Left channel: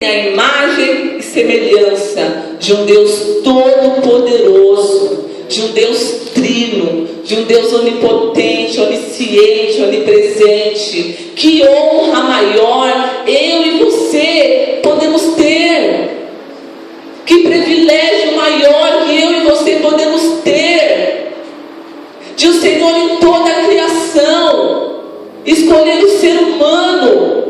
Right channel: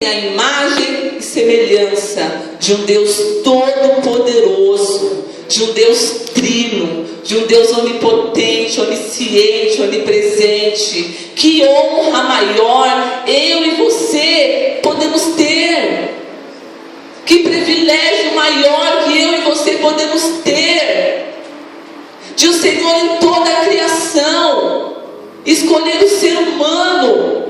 a imagem e semelhança de um Deus todo-poderoso, de um Deus trino, de um Deus onipotente, onisciente, onipresente. Que honra maior eu e você podemos ter. Que privilégio maior que eu e você podemos ter, de o Senhor em toda a criação escolher o ser humano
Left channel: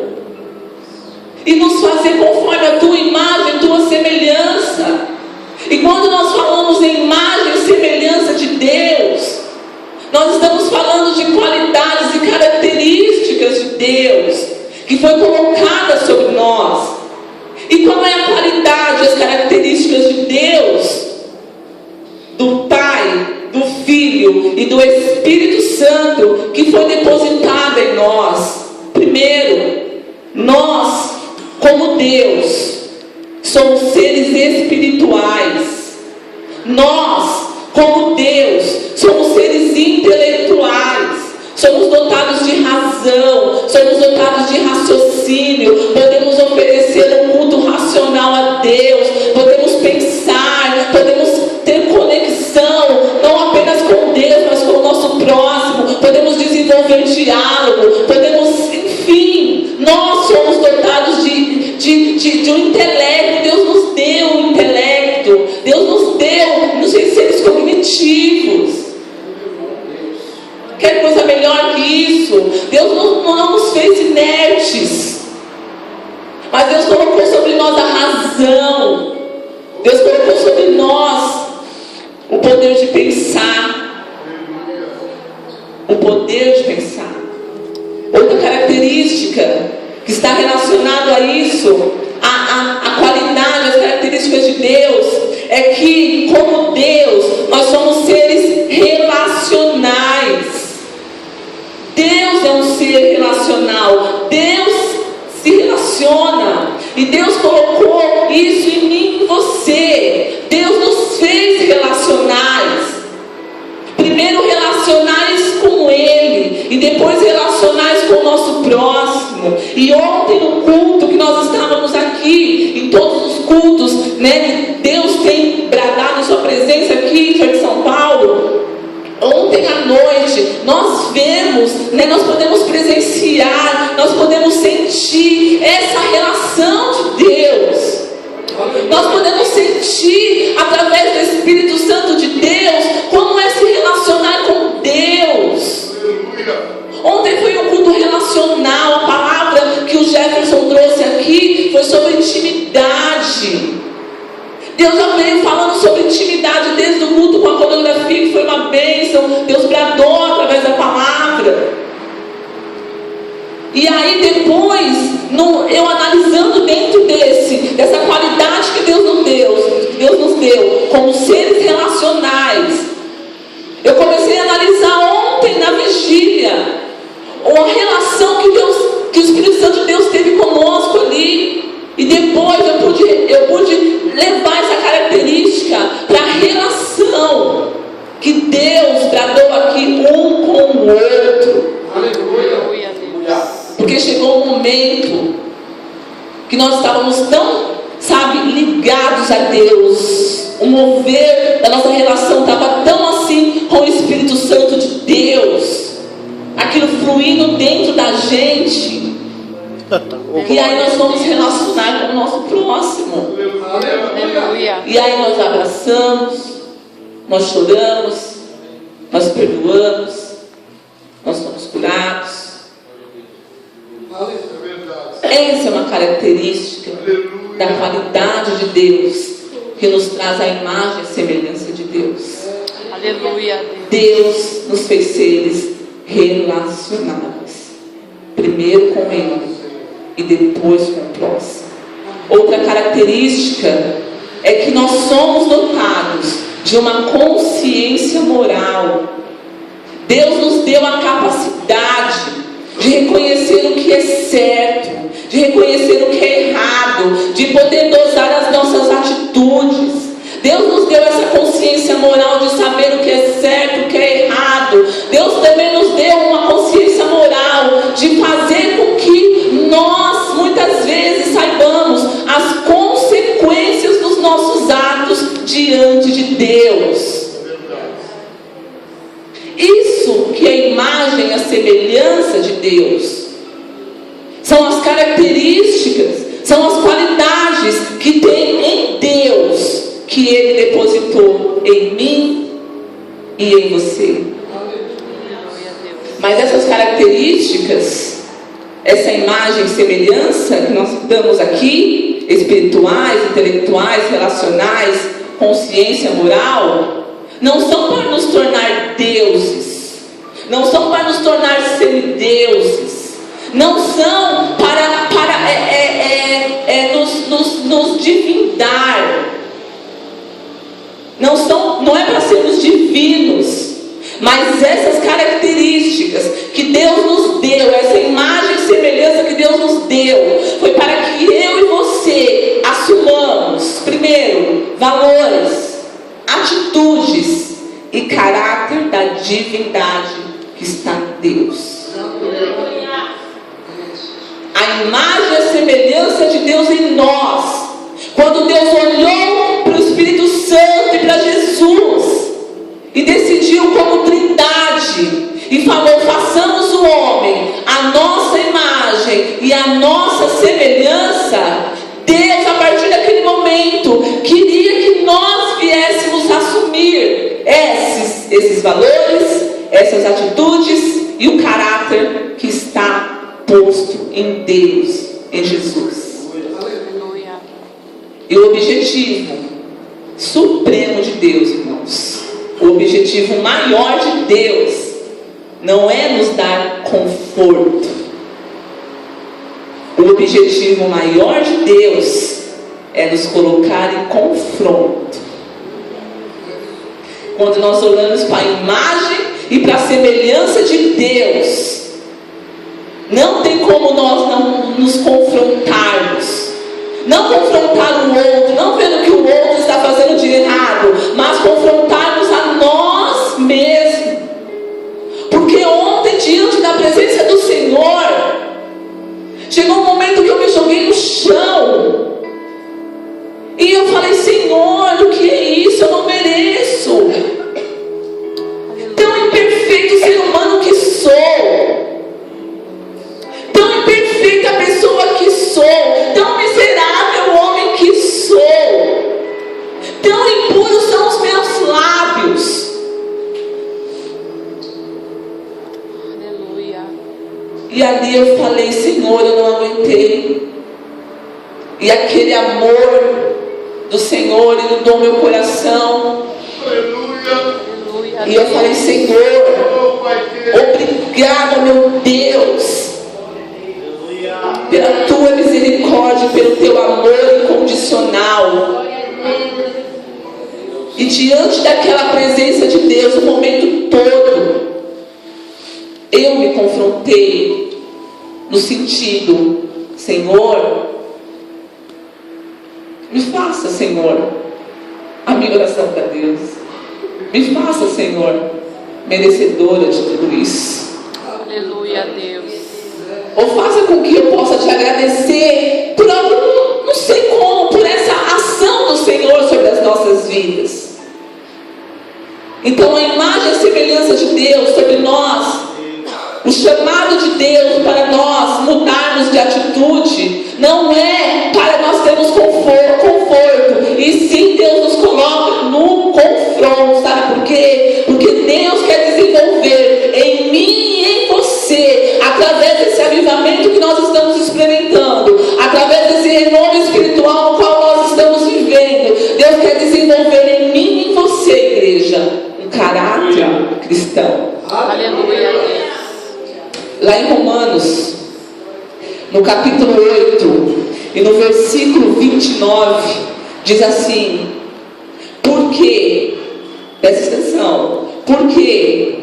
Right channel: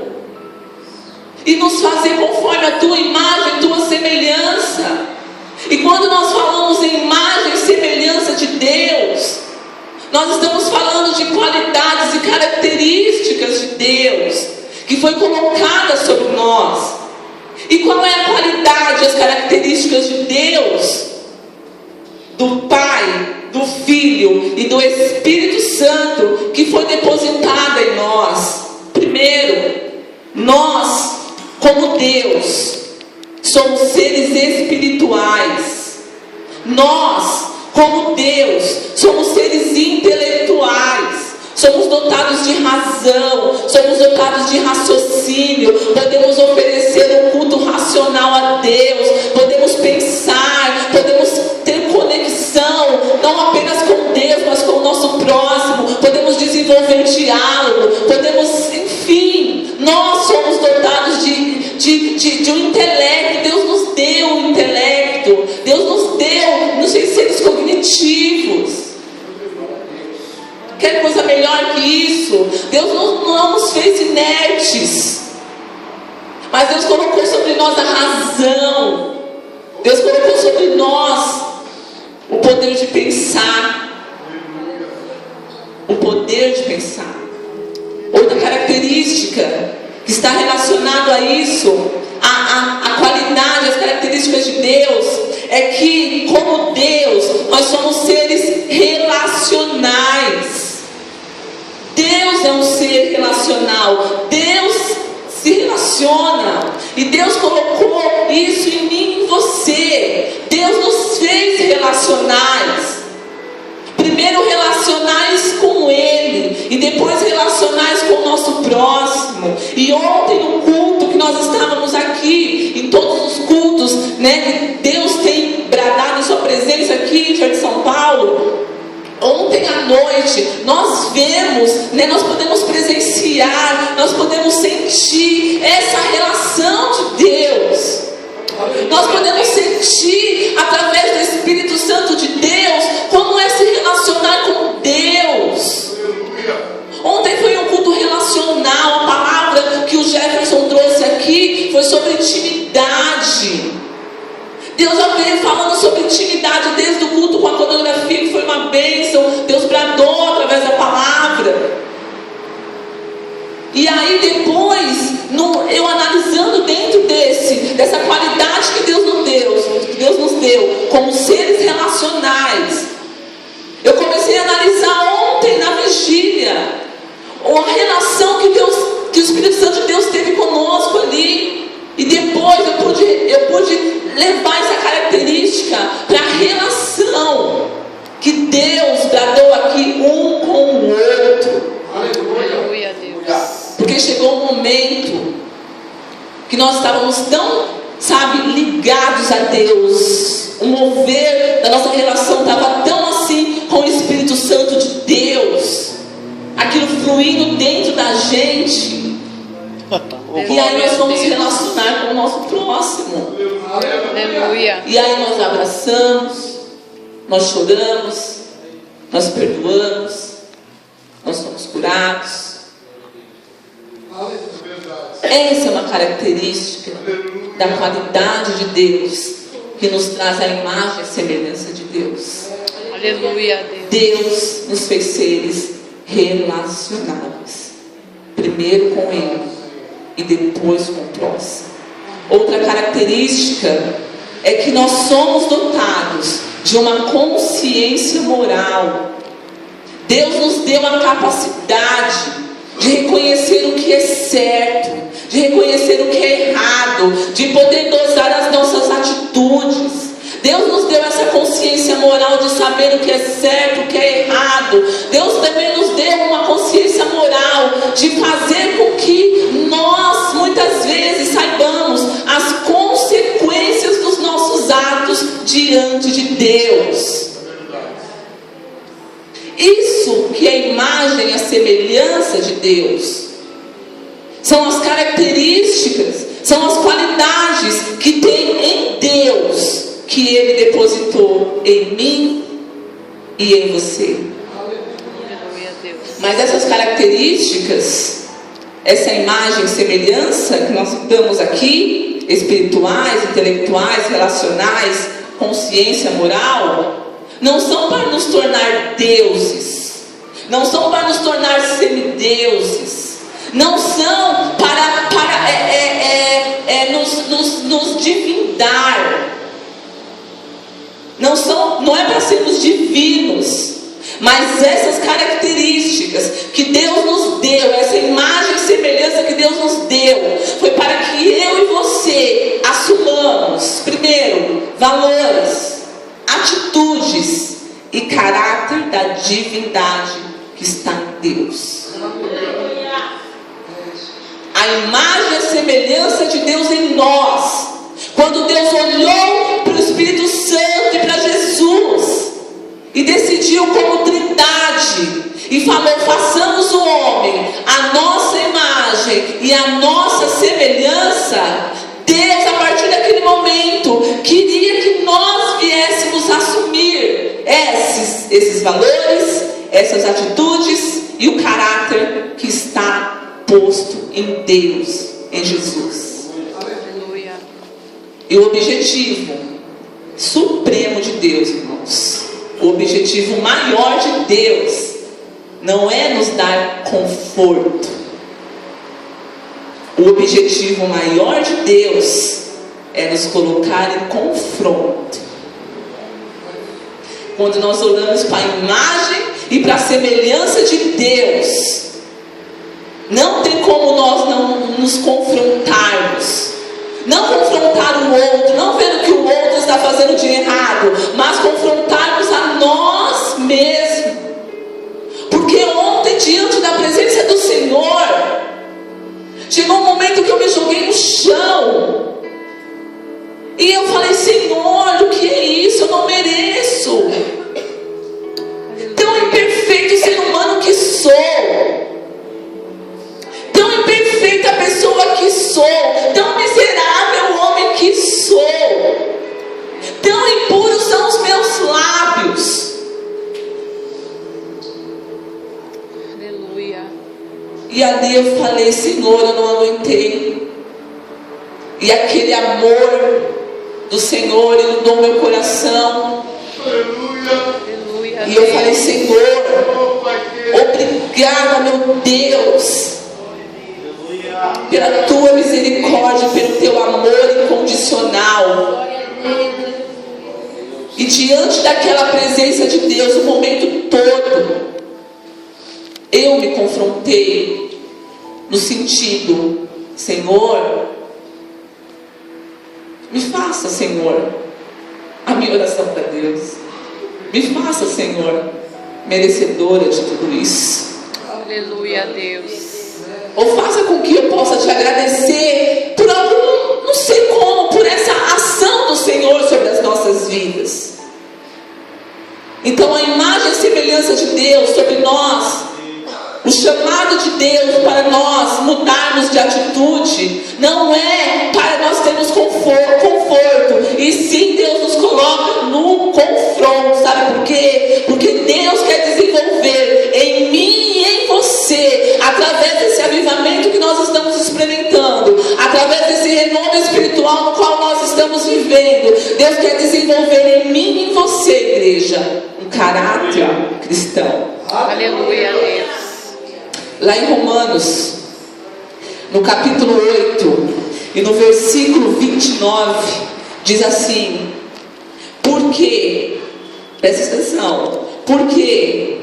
e nos fazer conforme a tua imagem, tua semelhança. E quando nós falamos em imagem e semelhança de Deus, nós estamos falando de qualidades e características de Deus que foi colocada sobre nós. E qual é a qualidade, as características de Deus, do Pai, do Filho e do Espírito Santo que foi depositada em nós? Primeiro, nós, como Deus, somos seres espirituais. Nós, como Deus, somos seres intelectuais. Somos dotados de razão, somos dotados de raciocínio, podemos oferecer um culto racional a Deus, podemos pensar, podemos ter conexão, não apenas com Deus, mas com o nosso próximo, podemos desenvolver diálogo, podemos, enfim, nós somos dotados de um intelecto. Deus nos deu um intelecto, Deus nos deu, seres cognitivos. Quer coisa melhor que isso? Deus não nos fez inertes, mas Deus colocou sobre nós a razão. Deus colocou sobre nós o poder de pensar. O poder de pensar. Outra característica que está relacionada a isso, a qualidade, as características de Deus, é que, como Deus, nós somos seres relacionais. Deus é um ser relacional. Deus se relaciona. E Deus colocou isso em mim e em você. Deus nos fez relacionais. Primeiro relacionais com Ele, e depois relacionais com o nosso próximo. E ontem no culto que nós estávamos aqui, em todos os cultos, né, Deus tem bradado sua presença aqui em Jardim São Paulo. Ontem à noite nós vemos, né, nós podemos presenciar, nós podemos sentir essa relação de Deus. Nós podemos sentir através do Espírito Santo de Deus como é se relacionar com Deus. Ontem foi um culto relacional. A palavra que o Jefferson trouxe aqui foi sobre intimidade. Deus já veio falando sobre intimidade desde o culto com a pornografia, que foi uma bênção. Deus bradou através da palavra. E aí depois, eu analisando dentro dessa qualidade que Deus nos deu como seres relacionais, eu comecei a analisar ontem na vigília a relação que o Espírito Santo de Deus teve conosco ali. E depois eu pude levar essa característica para a relação que Deus bradou aqui um com o outro. Aleluia. Porque chegou um momento que nós estávamos tão, ligados a Deus. O mover da nossa relação estava tão assim com o Espírito Santo de Deus. Aquilo fluindo dentro da gente. E aí nós vamos relacionar com o nosso próximo. Aleluia. E aí nós abraçamos, nós choramos, nós perdoamos, nós somos curados. Essa é uma característica da qualidade de Deus, que nos traz a imagem e semelhança de Deus. Aleluia. Deus nos fez seres relacionados. Primeiro com Ele e depois com o próximo. Outra característica é que nós somos dotados de uma consciência moral. Deus nos deu a capacidade de reconhecer o que é certo, de reconhecer o que é errado, de poder dosar as nossas atitudes. Deus nos deu essa consciência moral de saber o que é certo, o que é errado. Deus também nos deu uma consciência moral de fazer com que nós muitas vezes saibamos as diante de Deus. Isso que é a imagem e a semelhança de Deus. São as características, são as qualidades que tem em Deus, que Ele depositou em mim e em você. Mas essas características, essa imagem e semelhança que nós citamos aqui, espirituais, intelectuais, relacionais, consciência, moral, não são para nos tornar deuses, não são para nos tornar semideuses, não são para nos divindar, não é para sermos divinos, mas essas características que Deus nos deu, essa imagem e semelhança que Deus nos deu, foi para que eu e você assumamos, primeiro, valores, atitudes e caráter da divindade que está em Deus. A imagem e a semelhança de Deus em nós. Quando Deus olhou para o Espírito Santo e para Jesus e decidiu como trindade e falou: façamos o homem a nossa imagem e a nossa semelhança. Deus, a partir daquele momento, queria que nós viéssemos assumir esses valores, essas atitudes e o caráter que está posto em Deus, em Jesus. E o objetivo supremo de Deus, irmãos, o objetivo maior de Deus não é nos dar conforto. O objetivo maior de Deus é nos colocar em confronto. Quando nós olhamos para a imagem e para a semelhança de Deus, não tem como nós não nos confrontarmos. Não confrontar o outro, não vendo que o outro está fazendo de errado, mas confrontarmos a nós mesmos. Porque ontem, diante da presença do Senhor, chegou um momento que eu me joguei no chão. E eu falei: Senhor, o que é isso? Eu não mereço. Tão imperfeito ser humano que sou. Tão imperfeita pessoa que sou. Tão miserável homem que sou. Tão impuros são os meus lábios. Aleluia. E ali eu falei: Senhor, eu não aguentei. E aquele amor do Senhor inundou meu coração. Aleluia. E eu falei: Senhor, obrigado, meu Deus, pela tua misericórdia, pelo teu amor incondicional. E diante daquela presença de Deus, o momento todo, eu me confrontei no sentido: Senhor, me faça, Senhor, a minha oração para Deus, me faça, Senhor, merecedora de tudo isso. Aleluia, Deus. Ou faça com que eu possa te agradecer por algum, não sei como, por essa ação do Senhor sobre as nossas vidas. Então a imagem e a semelhança de Deus sobre nós, o chamado de Deus para nós mudarmos de atitude, não é para nós termos conforto, e sim Deus nos coloca no confronto. Sabe por quê? Porque Deus quer desenvolver em mim e em você, através desse avivamento que nós estamos experimentando, através desse renovo espiritual no qual nós estamos vivendo. Deus quer desenvolver em mim e em você, igreja, um caráter cristão. Aleluia, Deus. Lá em Romanos, no capítulo 8 e no versículo 29, diz assim: porque, presta atenção, porque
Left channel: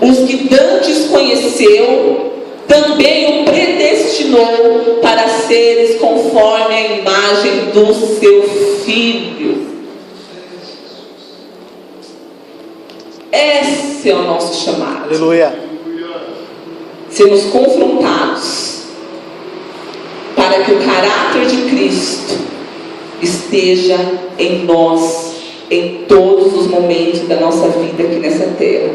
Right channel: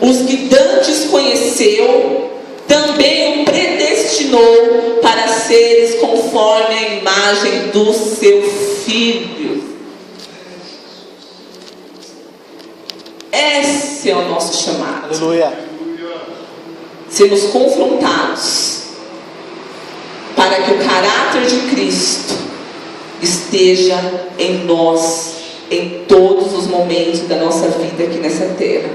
os que dantes conheceu, também o predestinou para seres conforme a imagem do seu Filho. Esse é o nosso chamado. Aleluia. Sermos confrontados para que o caráter de Cristo esteja em nós em todos os momentos da nossa vida aqui nessa terra.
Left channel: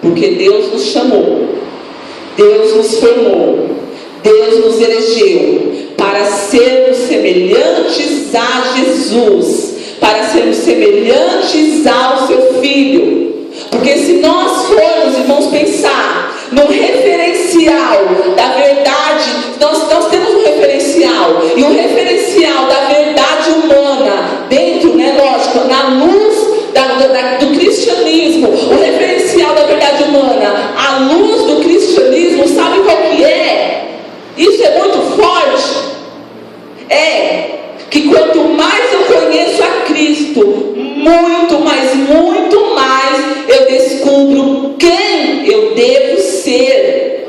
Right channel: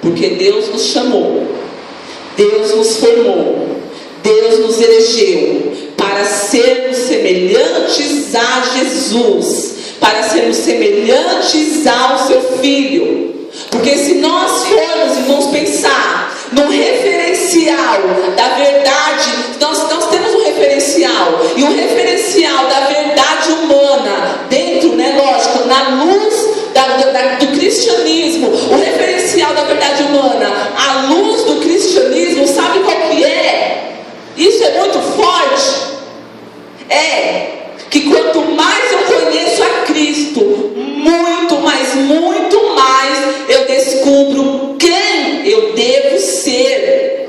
Porque Deus nos chamou, Deus nos formou, Deus nos elegeu para sermos semelhantes a Jesus, para sermos semelhantes ao seu Filho. Porque se nós formos, irmãos, pensar no referencial da verdade, nós temos um referencial, e o referencial da verdade humana, dentro, lógico, na luz do cristianismo, o referencial da verdade humana, à luz do cristianismo, sabe qual que é? Isso é muito forte. É que quanto mais eu conheço a Cristo, muito mais eu descubro quem eu devo ser.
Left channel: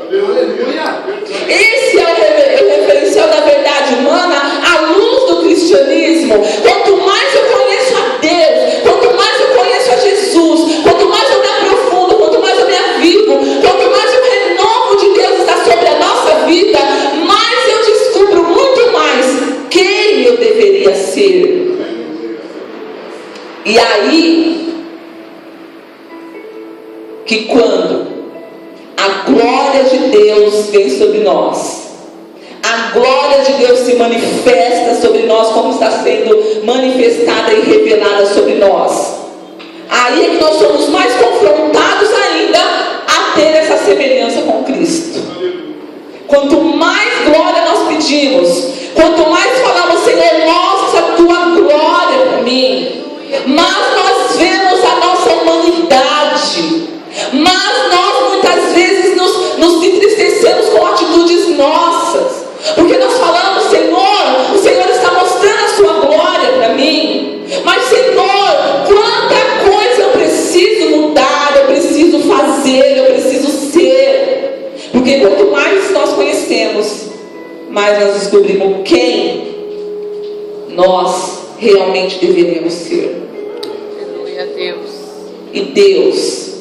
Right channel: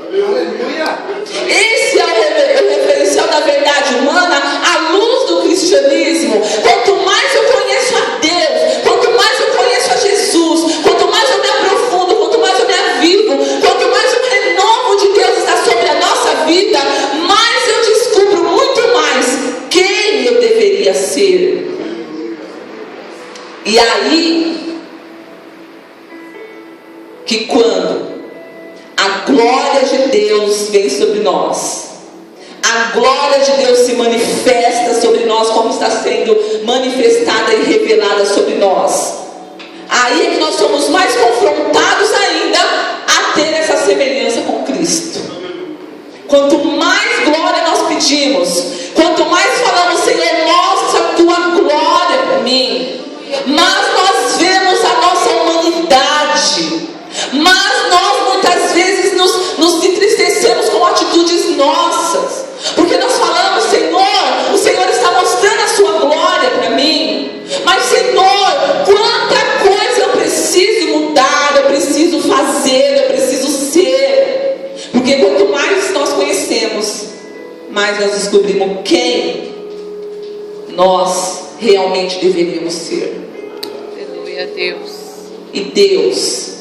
Esse é o referencial da verdade humana à luz do cristianismo. Quanto mais eu conheço a Deus, quanto mais eu conheço a Jesus, quanto mais eu me aprofundo, quanto mais eu me avivo, quanto mais o renovo de Deus está sobre a nossa vida, mais eu descubro muito mais quem eu deveria ser. E aí que quando a glória de Deus vem sobre nós, a glória de Deus se manifesta sobre nós, como está sendo manifestada e revelada sobre nós, aí é que nós somos mais confrontados ainda a ter essa semelhança com Cristo. Quanto mais glória nós pedimos, quanto mais falamos, Senhor, mostra a tua glória para mim, mas nós vemos a nossa humanidade, mas nós muitas vezes nos entristecemos com atitudes nossas, porque nós falamos, Senhor, o Senhor está mostrando a sua glória para mim, mas Senhor, quanta coisa eu preciso mudar, eu preciso fazer, eu preciso ser. Porque quanto mais nós conhecemos, mais nós descobrimos quem nós realmente deveríamos ser. Aleluia, Deus. E Deus,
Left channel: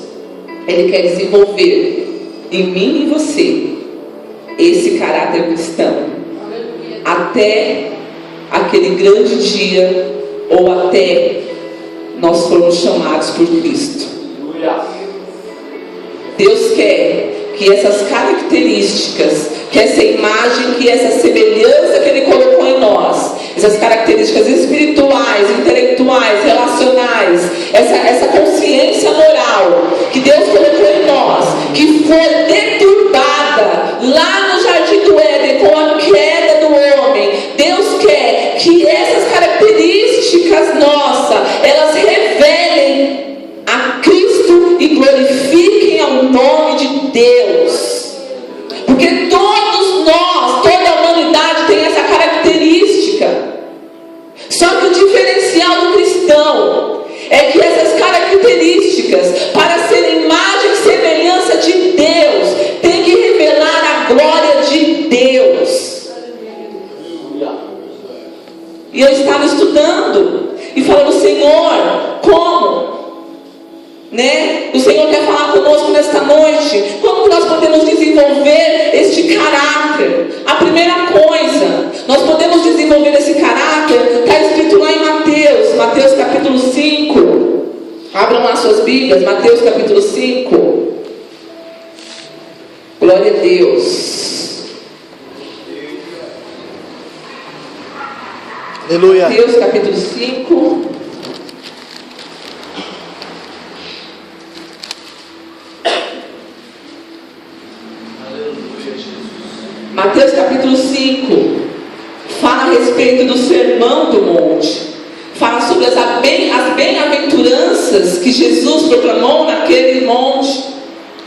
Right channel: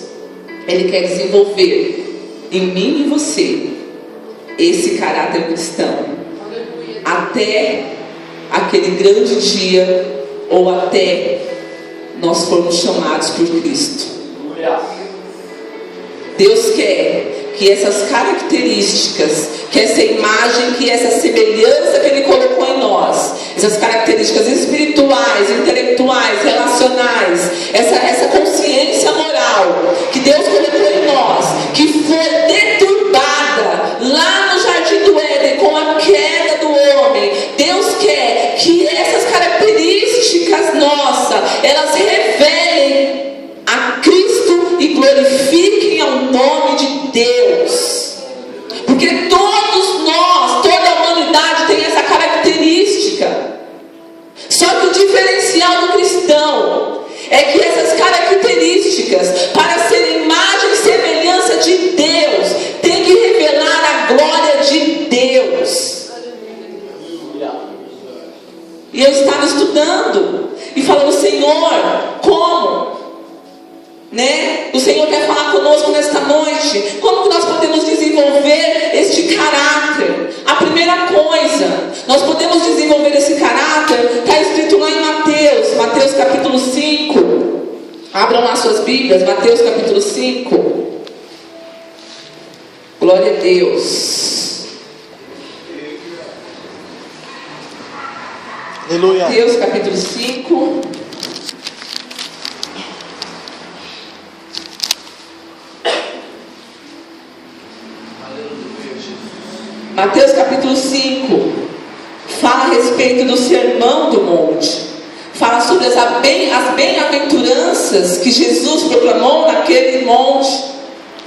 Ele quer desenvolver em mim e em você esse caráter cristão, até aquele grande dia, ou até nós formos chamados por Cristo. Deus quer que essas características, que essa imagem, que essa semelhança que Ele colocou em nós, essas características espirituais, intelectuais, relacionais, essa consciência moral que Deus colocou em nós, que foi deturbada lá no Jardim do Éden com a queda do homem, Deus quer que essas características nossas, elas revelem a Cristo e glorifiquem ao nome de Deus. Porque todos nós, toda a humanidade tem essa característica. Só que o diferencial do cristão é que essas características, para serem imagem e semelhança de Deus, tem que revelar a glória de Deus. E eu estava estudando e falando, Senhor, como? O Senhor quer falar conosco nesta noite. Como que nós podemos desenvolver este caráter? A primeira coisa, nós podemos desenvolver esse caráter, está escrito lá em Mateus capítulo 5. Abram lá suas Bíblias, Mateus capítulo 5. Glória a Deus. Aleluia. Mateus capítulo 5. Mateus capítulo 5 fala a respeito do sermão do monte, fala sobre as bem-aventuranças que Jesus proclamou naquele monte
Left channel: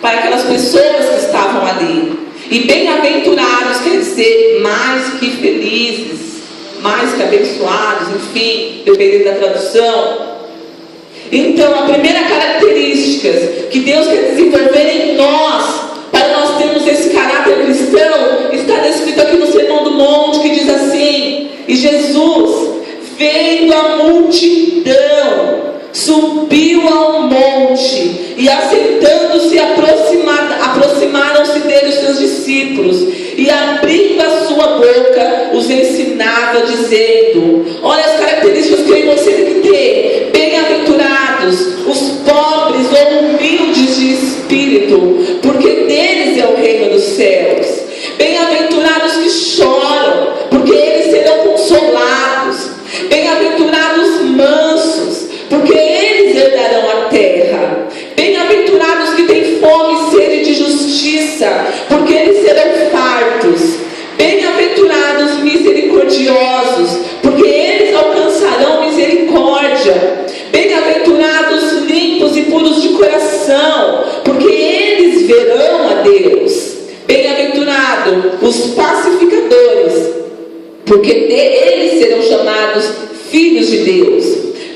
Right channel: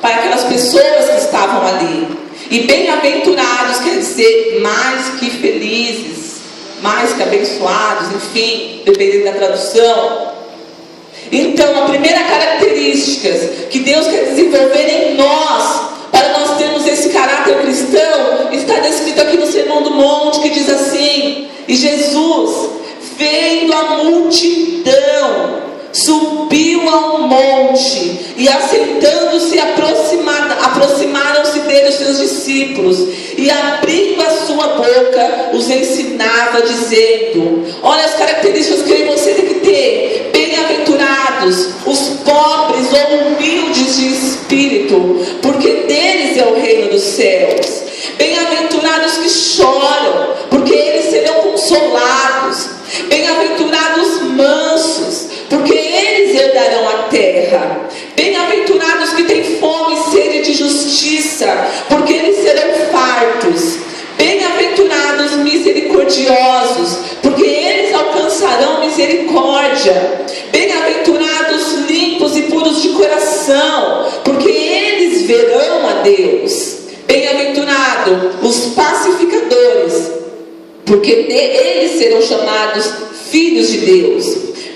para aquelas pessoas que estavam ali. E bem-aventurados quer dizer mais que felizes, mais que abençoados, enfim, dependendo da tradução. Então, a primeira característica que Deus quer desenvolver em nós, para nós termos esse caráter cristão, está descrito aqui no Sermão do Monte, que diz assim: e Jesus, vendo a multidão, subiu ao monte, e assentando-se aproximaram-se dele os seus discípulos. discípulos e, abrindo a sua boca, os ensinava, dizendo: olha as características que eu e você tem que ter. Bem-aventurados os pobres ou humildes de espírito, porque deles é o reino dos céus. Bem-aventurados que choram, porque eles serão consolados. Bem-aventurados mansos, porque eles herdarão a terra. Bem-aventurados que têm fome e sede de justiça, porque eles serão fartos. Bem-aventurados misericordiosos, porque eles alcançarão misericórdia. Bem-aventurados limpos e puros de coração, porque eles verão a Deus. Bem-aventurados os pacificadores, porque eles serão chamados filhos de Deus.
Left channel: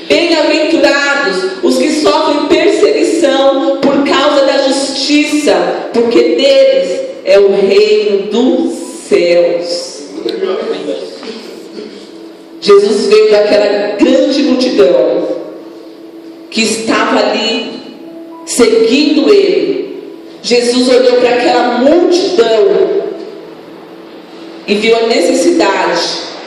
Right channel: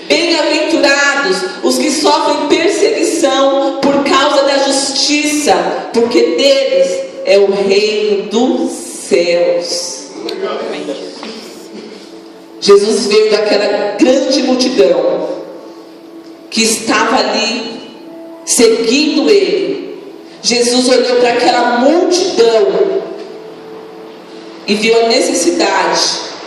Bem-aventurados os que sofrem perseguição por causa da justiça, porque deles é o reino dos céus. Jesus veio daquela grande multidão que estava ali seguindo ele. Jesus olhou para aquela multidão e viu a necessidade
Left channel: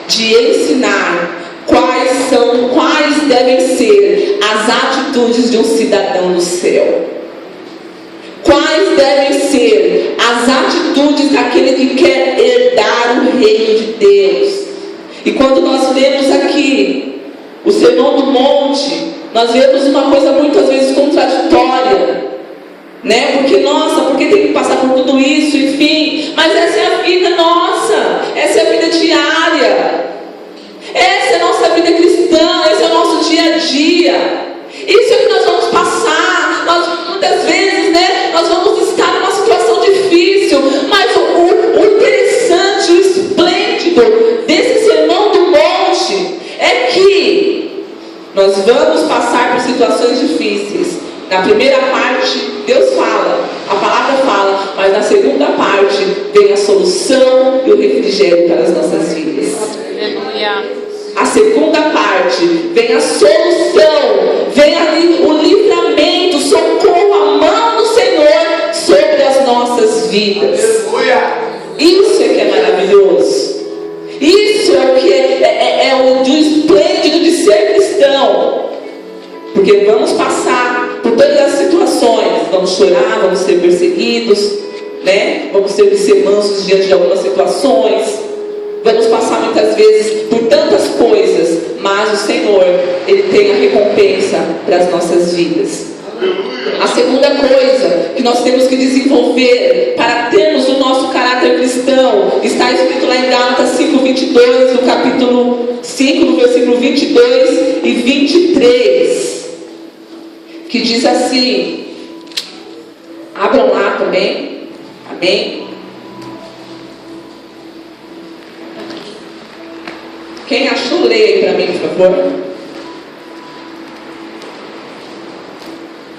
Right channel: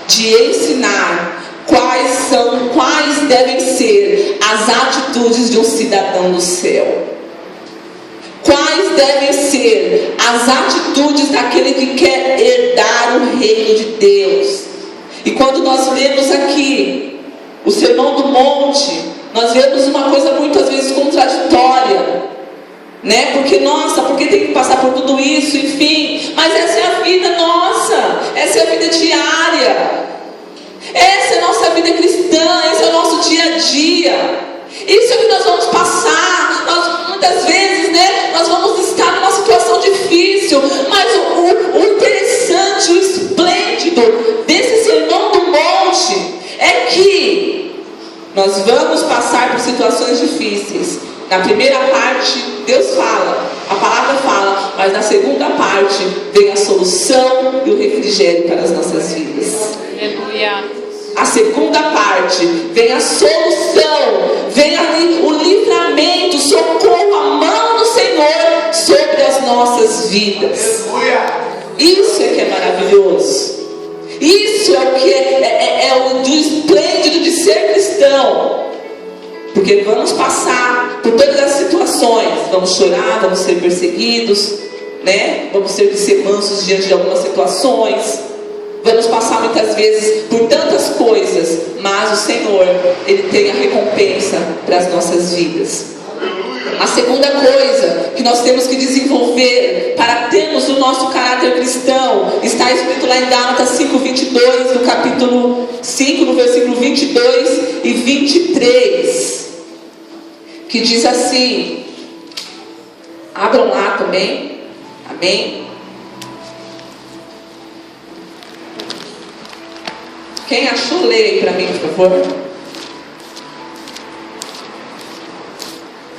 de ensinar quais devem ser as atitudes de um cidadão do céu. Quais devem ser as atitudes daquele que quer herdar o reino de Deus. E quando nós lemos aqui o Sermão do Monte, nós vemos uma coisa muitas vezes contraditória, né? Porque tem que passar por tudo isso, enfim. Mas essa é a vida nossa, essa é a vida diária, essa é a nossa vida cristã, esse é o nosso dia a dia. Isso é que nós vamos passar. Muitas vezes, né, nós vamos estar numa situação difícil, mas o interessante, o esplêndido desse Sermão do Monte é que nós vamos passar por situações difíceis. Na primeira parte, Deus fala, a palavra fala, mas na segunda parte vem a solução e o refrigério para as nossas vidas. A segunda parte vem a solução, vem ali o livramento, socorro, a mão do Senhor sobre as nossas vidas. Isso é que é maravilhoso. Isso é o que é o esplêndido de ser cristão. Porque vamos passar por todas as situações, vamos chorar, vamos ser perseguidos, né? Vamos ter que ser mansos diante de algumas situações, vamos passar muitas vezes por tantas coisas, mas o Senhor, Ele tem a recompensa para as nossas vidas. A segunda coisa que nós temos que desenvolver para termos o nosso caráter cristão está escrito lá em Gálatas 5:22, no capítulo 5, no versículo 22 e 23, que diz assim, abram lá também, amém? Quem achou, leia aí para mim, por favor.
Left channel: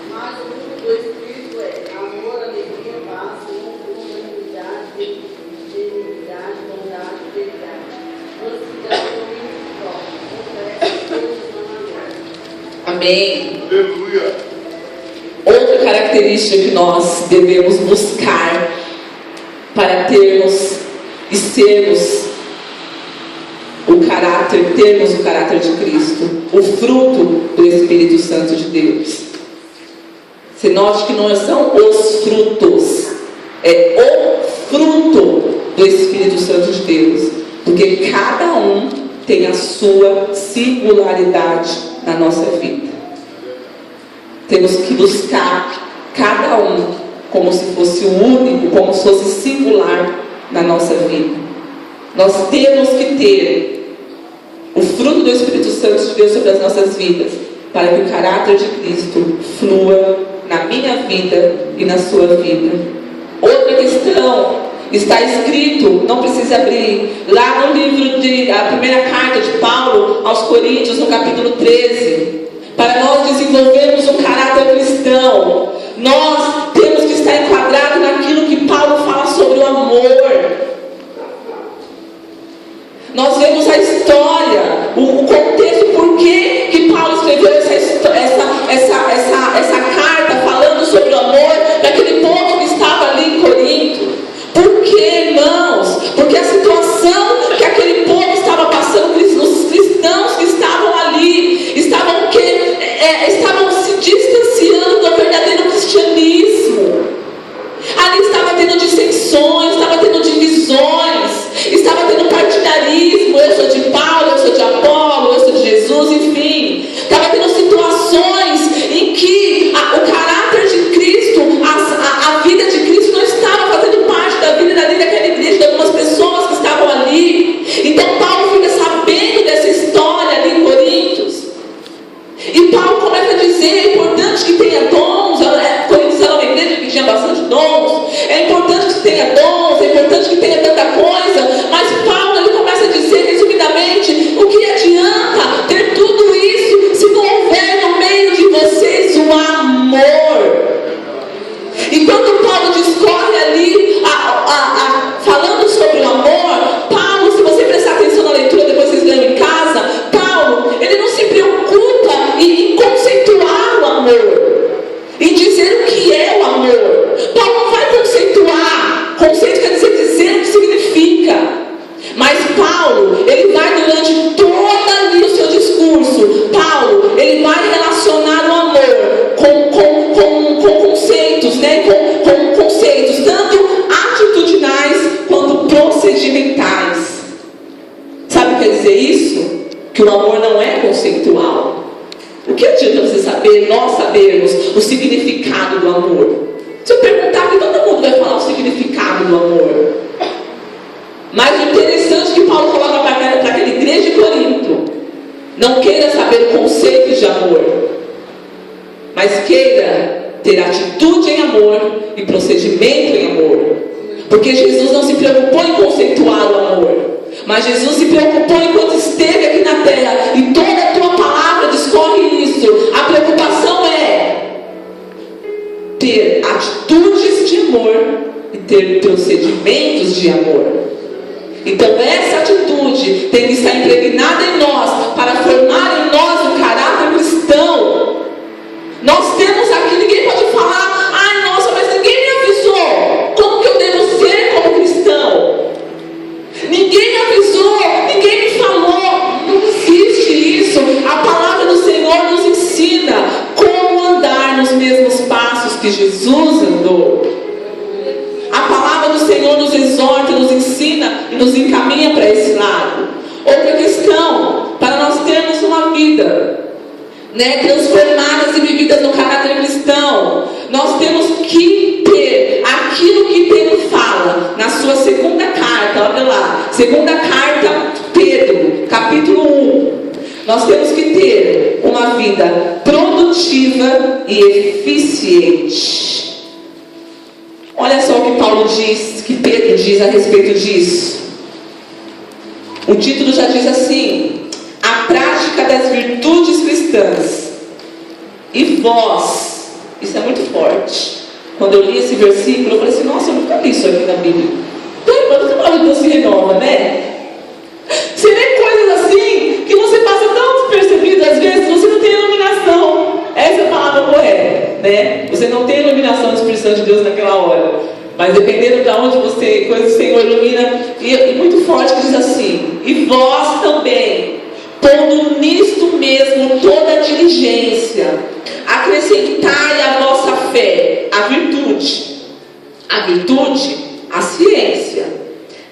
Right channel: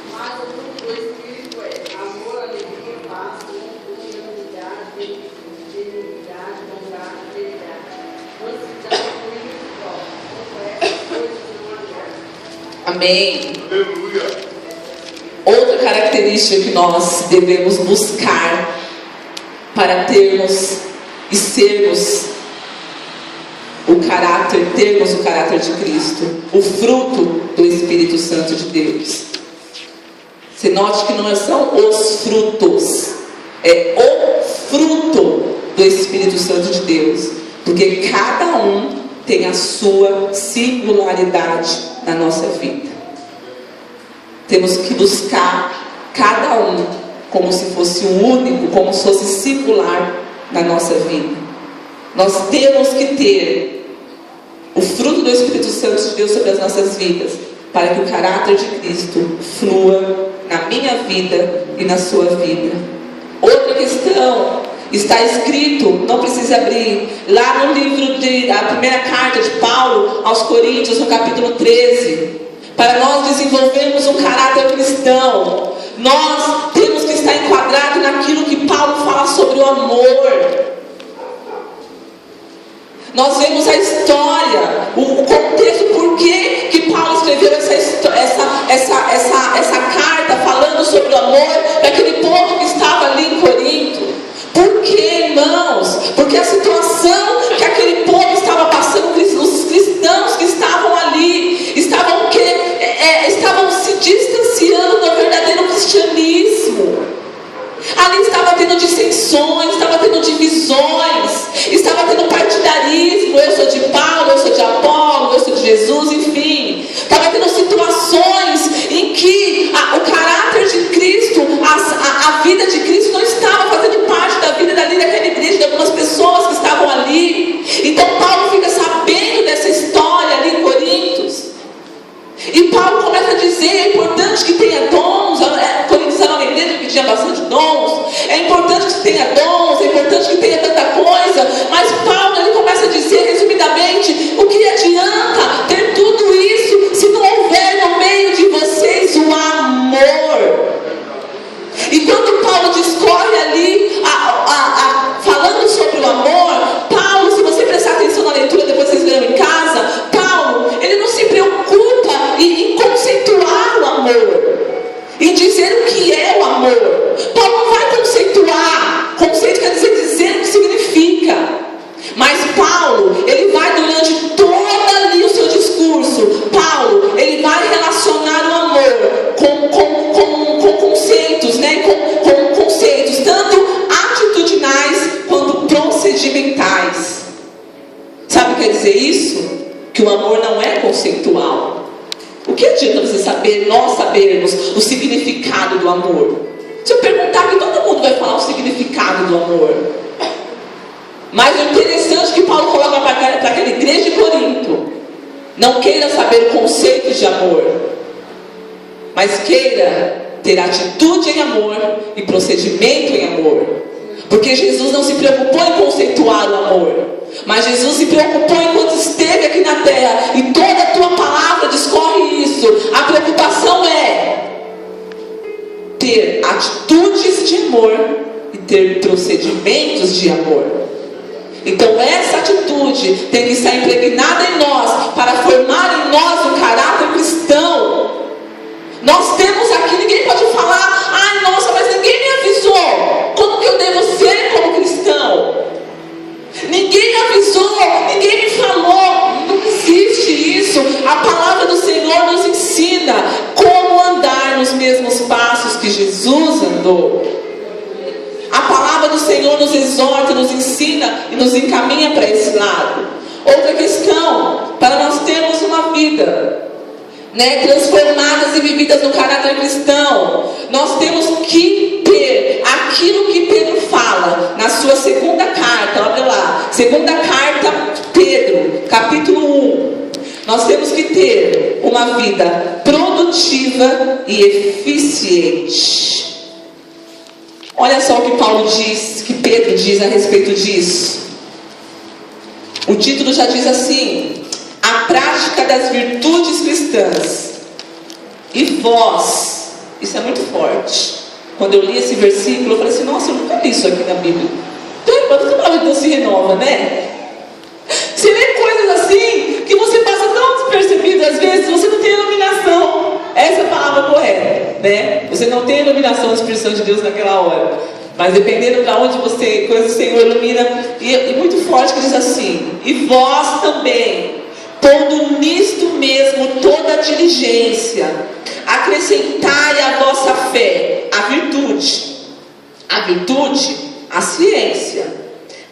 Mas o fruto do Espírito é amor, alegria, paz, longanimidade, benignidade, bondade, fidelidade, mansidão, domínio próprio. Contra essas coisas não há lei. Amém. Aleluia. Outra característica que nós devemos buscar para termos e sermos termos o caráter de Cristo, o fruto do Espírito Santo de Deus. Você note que não são os frutos, é o fruto do Espírito Santo de Deus, porque cada um tem a sua singularidade na nossa vida. Temos que buscar cada um como se fosse o único, como se fosse singular na nossa vida. Nós temos que ter o fruto do Espírito Santo de Deus sobre as nossas vidas, para que o caráter de Cristo flua na minha vida e na sua vida. Outra questão, está escrito, não precisa abrir, lá no livro a primeira carta de Paulo aos Coríntios, no capítulo 13, para nós desenvolvermos um caráter cristão, nós temos que estar enquadrados naquilo que Paulo fala sobre o amor. Nós vemos a história, o contexto, por que Paulo escreveu essa carta falando sobre o amor para aquele povo que estava ali em Corinto. Por que que o amor não é conceitual. O que adianta você saber, nós sabermos o significado do amor? Se eu perguntar aqui, todo mundo vai falar o significado do amor. Mas o interessante que Paulo coloca para aquela igreja de Corinto: não queira saber conceitos de amor, mas queira ter atitude em amor e procedimento em amor. Porque Jesus não se preocupou em conceituar o amor, mas Jesus se preocupou enquanto esteve aqui na terra. E toda a tua palavra discorre isso. A preocupação é ter atitudes de amor e ter procedimentos de amor. Então essa atitude tem que estar impregnada em nós, para formar em nós o caráter cristão. Nós temos aqui, ninguém pode falar: ai nossa, mas ninguém me avisou. Como que eu devo ser como cristão? Ninguém me avisou, ninguém me falou. Não existe isso. A palavra do Senhor nos ensina como andar nos mesmos passos que Jesus andou. A palavra do Senhor nos exorta, nos ensina e nos encaminha para esse lado. Outra questão, para nós termos uma vida, transformadas e vividas no caráter cristão, nós temos que ter aquilo que Pedro fala na sua segunda carta. Olha lá, segunda carta Pedro, capítulo 1. Nós temos que ter uma vida produtiva e eficiente. Olha só o que Paulo diz, que Pedro diz a respeito disso. O título já diz assim: a prática das virtudes cristãs. E vós, isso é muito forte. Quando eu li esse versículo, eu falei assim: nossa, eu nunca li isso aqui na Bíblia. Quando a palavra se renova, né? Você lê coisas assim que você passa tão despercebido, às vezes você não tem iluminação. Essa é a palavra correta, né? Você não tem iluminação do Espírito Santo de Deus naquela hora. Mas dependendo de onde você, coisa o Senhor ilumina. E muito forte que diz assim: e vós também, pondo nisto mesmo toda a diligência, acrescentai à vossa fé a virtude, a ciência.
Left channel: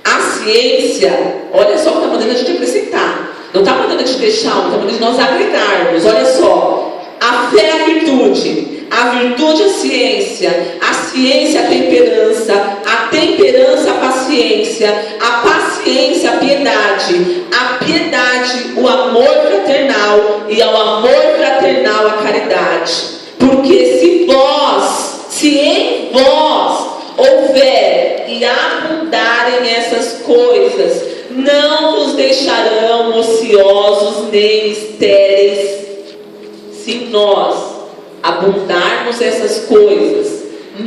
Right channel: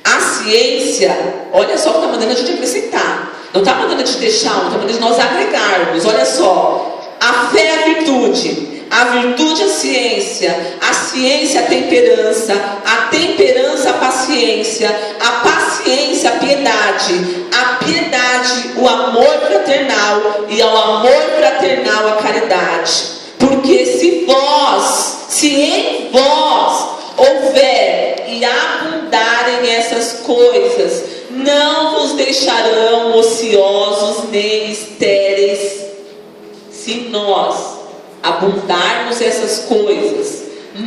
A ciência, olha só o que está mandando a gente acrescentar. Não está mandando a gente deixar, não está mandando de nós agregarmos. Olha só, a fé é a virtude a ciência a temperança a paciência a piedade o amor fraternal, e ao amor fraternal a caridade. Porque se em vós houver e abundarem essas coisas, não vos deixarão ociosos nem estéreis. Se nós abundarmos essas coisas,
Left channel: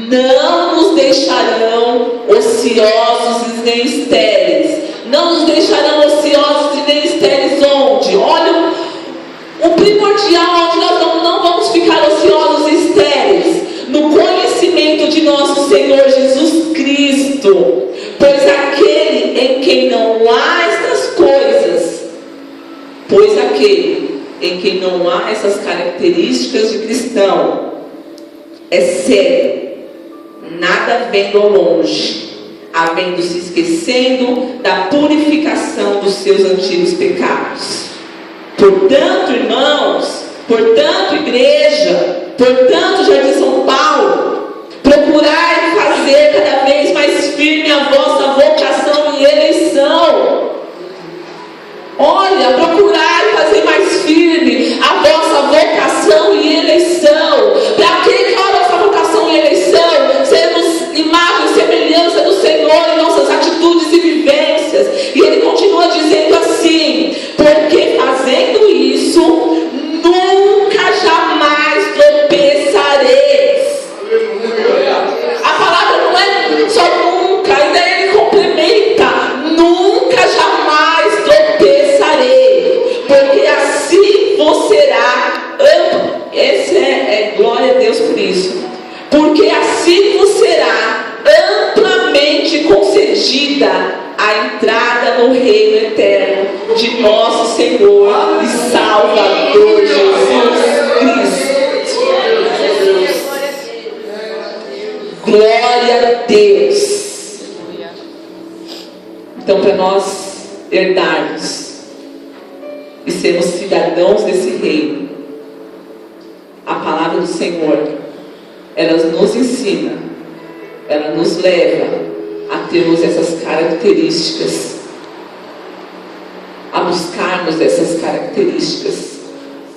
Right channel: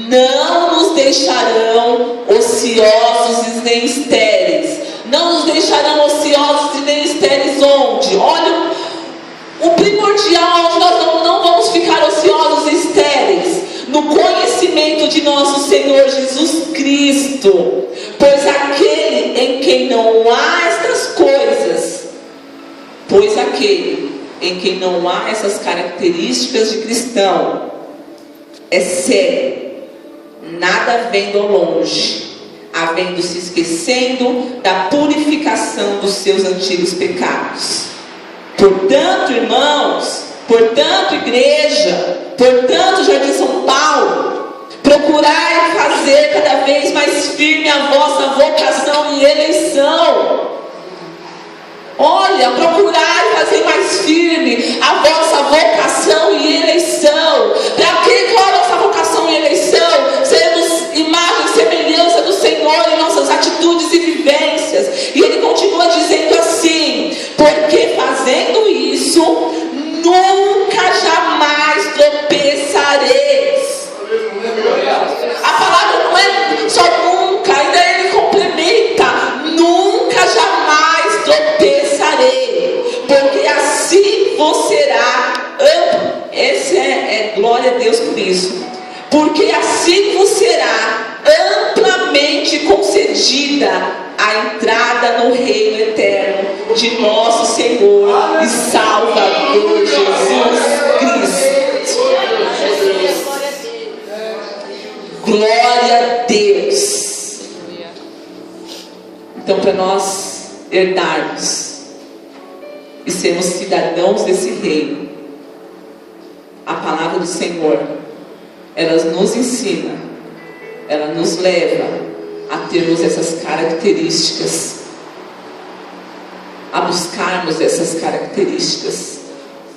não nos deixarão ociosos nem estéreis. Não nos deixarão ociosos e nem estéreis onde? Olha, o primordial onde nós não vamos ficar ociosos e estéreis: no conhecimento de nosso Senhor Jesus Cristo. Pois aquele em quem não há estas coisas, em quem não há essas características de cristão, é cego, nada vendo ao longe, havendo se esquecendo da purificação dos seus antigos pecados. Portanto, irmãos, portanto, igreja, portanto, Jardim São Paulo, procurai fazer cada vez mais firme a vossa vocação e eleição. Olha, procurai fazer mais firme a vossa vocação e eleição. Para que qual é a nossa vocação e eleição? Sermos imagem e semelhança do Senhor em nossas atitudes e vivências. E ele continua dizendo assim: porque fazendo isso, nunca jamais tropeçareis. A palavra não é só nunca, ainda ele complementa: nunca jamais tropeçarei, porque assim vos será glória a Deus por isso, porque assim vos será amplamente concedida a entrada no reino eterno de nosso Senhor e Salvador Jesus Cristo. Glória a Deus. Então, para nós herdarmos e sermos cidadãos desse reino, a palavra do Senhor, ela nos ensina, ela nos leva a termos essas características, a buscarmos essas características,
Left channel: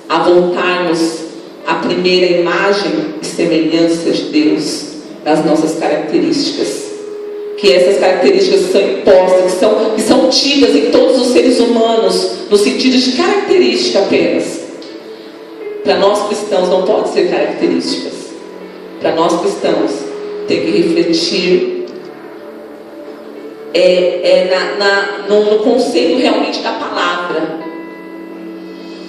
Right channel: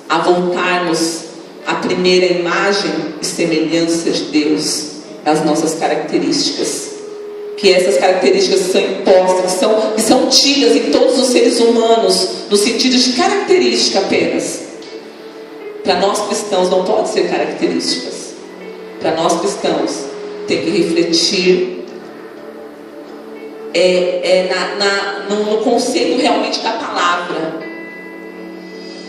a voltarmos à primeira imagem e semelhança de Deus nas nossas características. Que essas características são impostas, que são tidas em todos os seres humanos, no sentido de característica apenas. Para nós cristãos não pode ser características. Para nós cristãos tem que refletir no conceito realmente da palavra,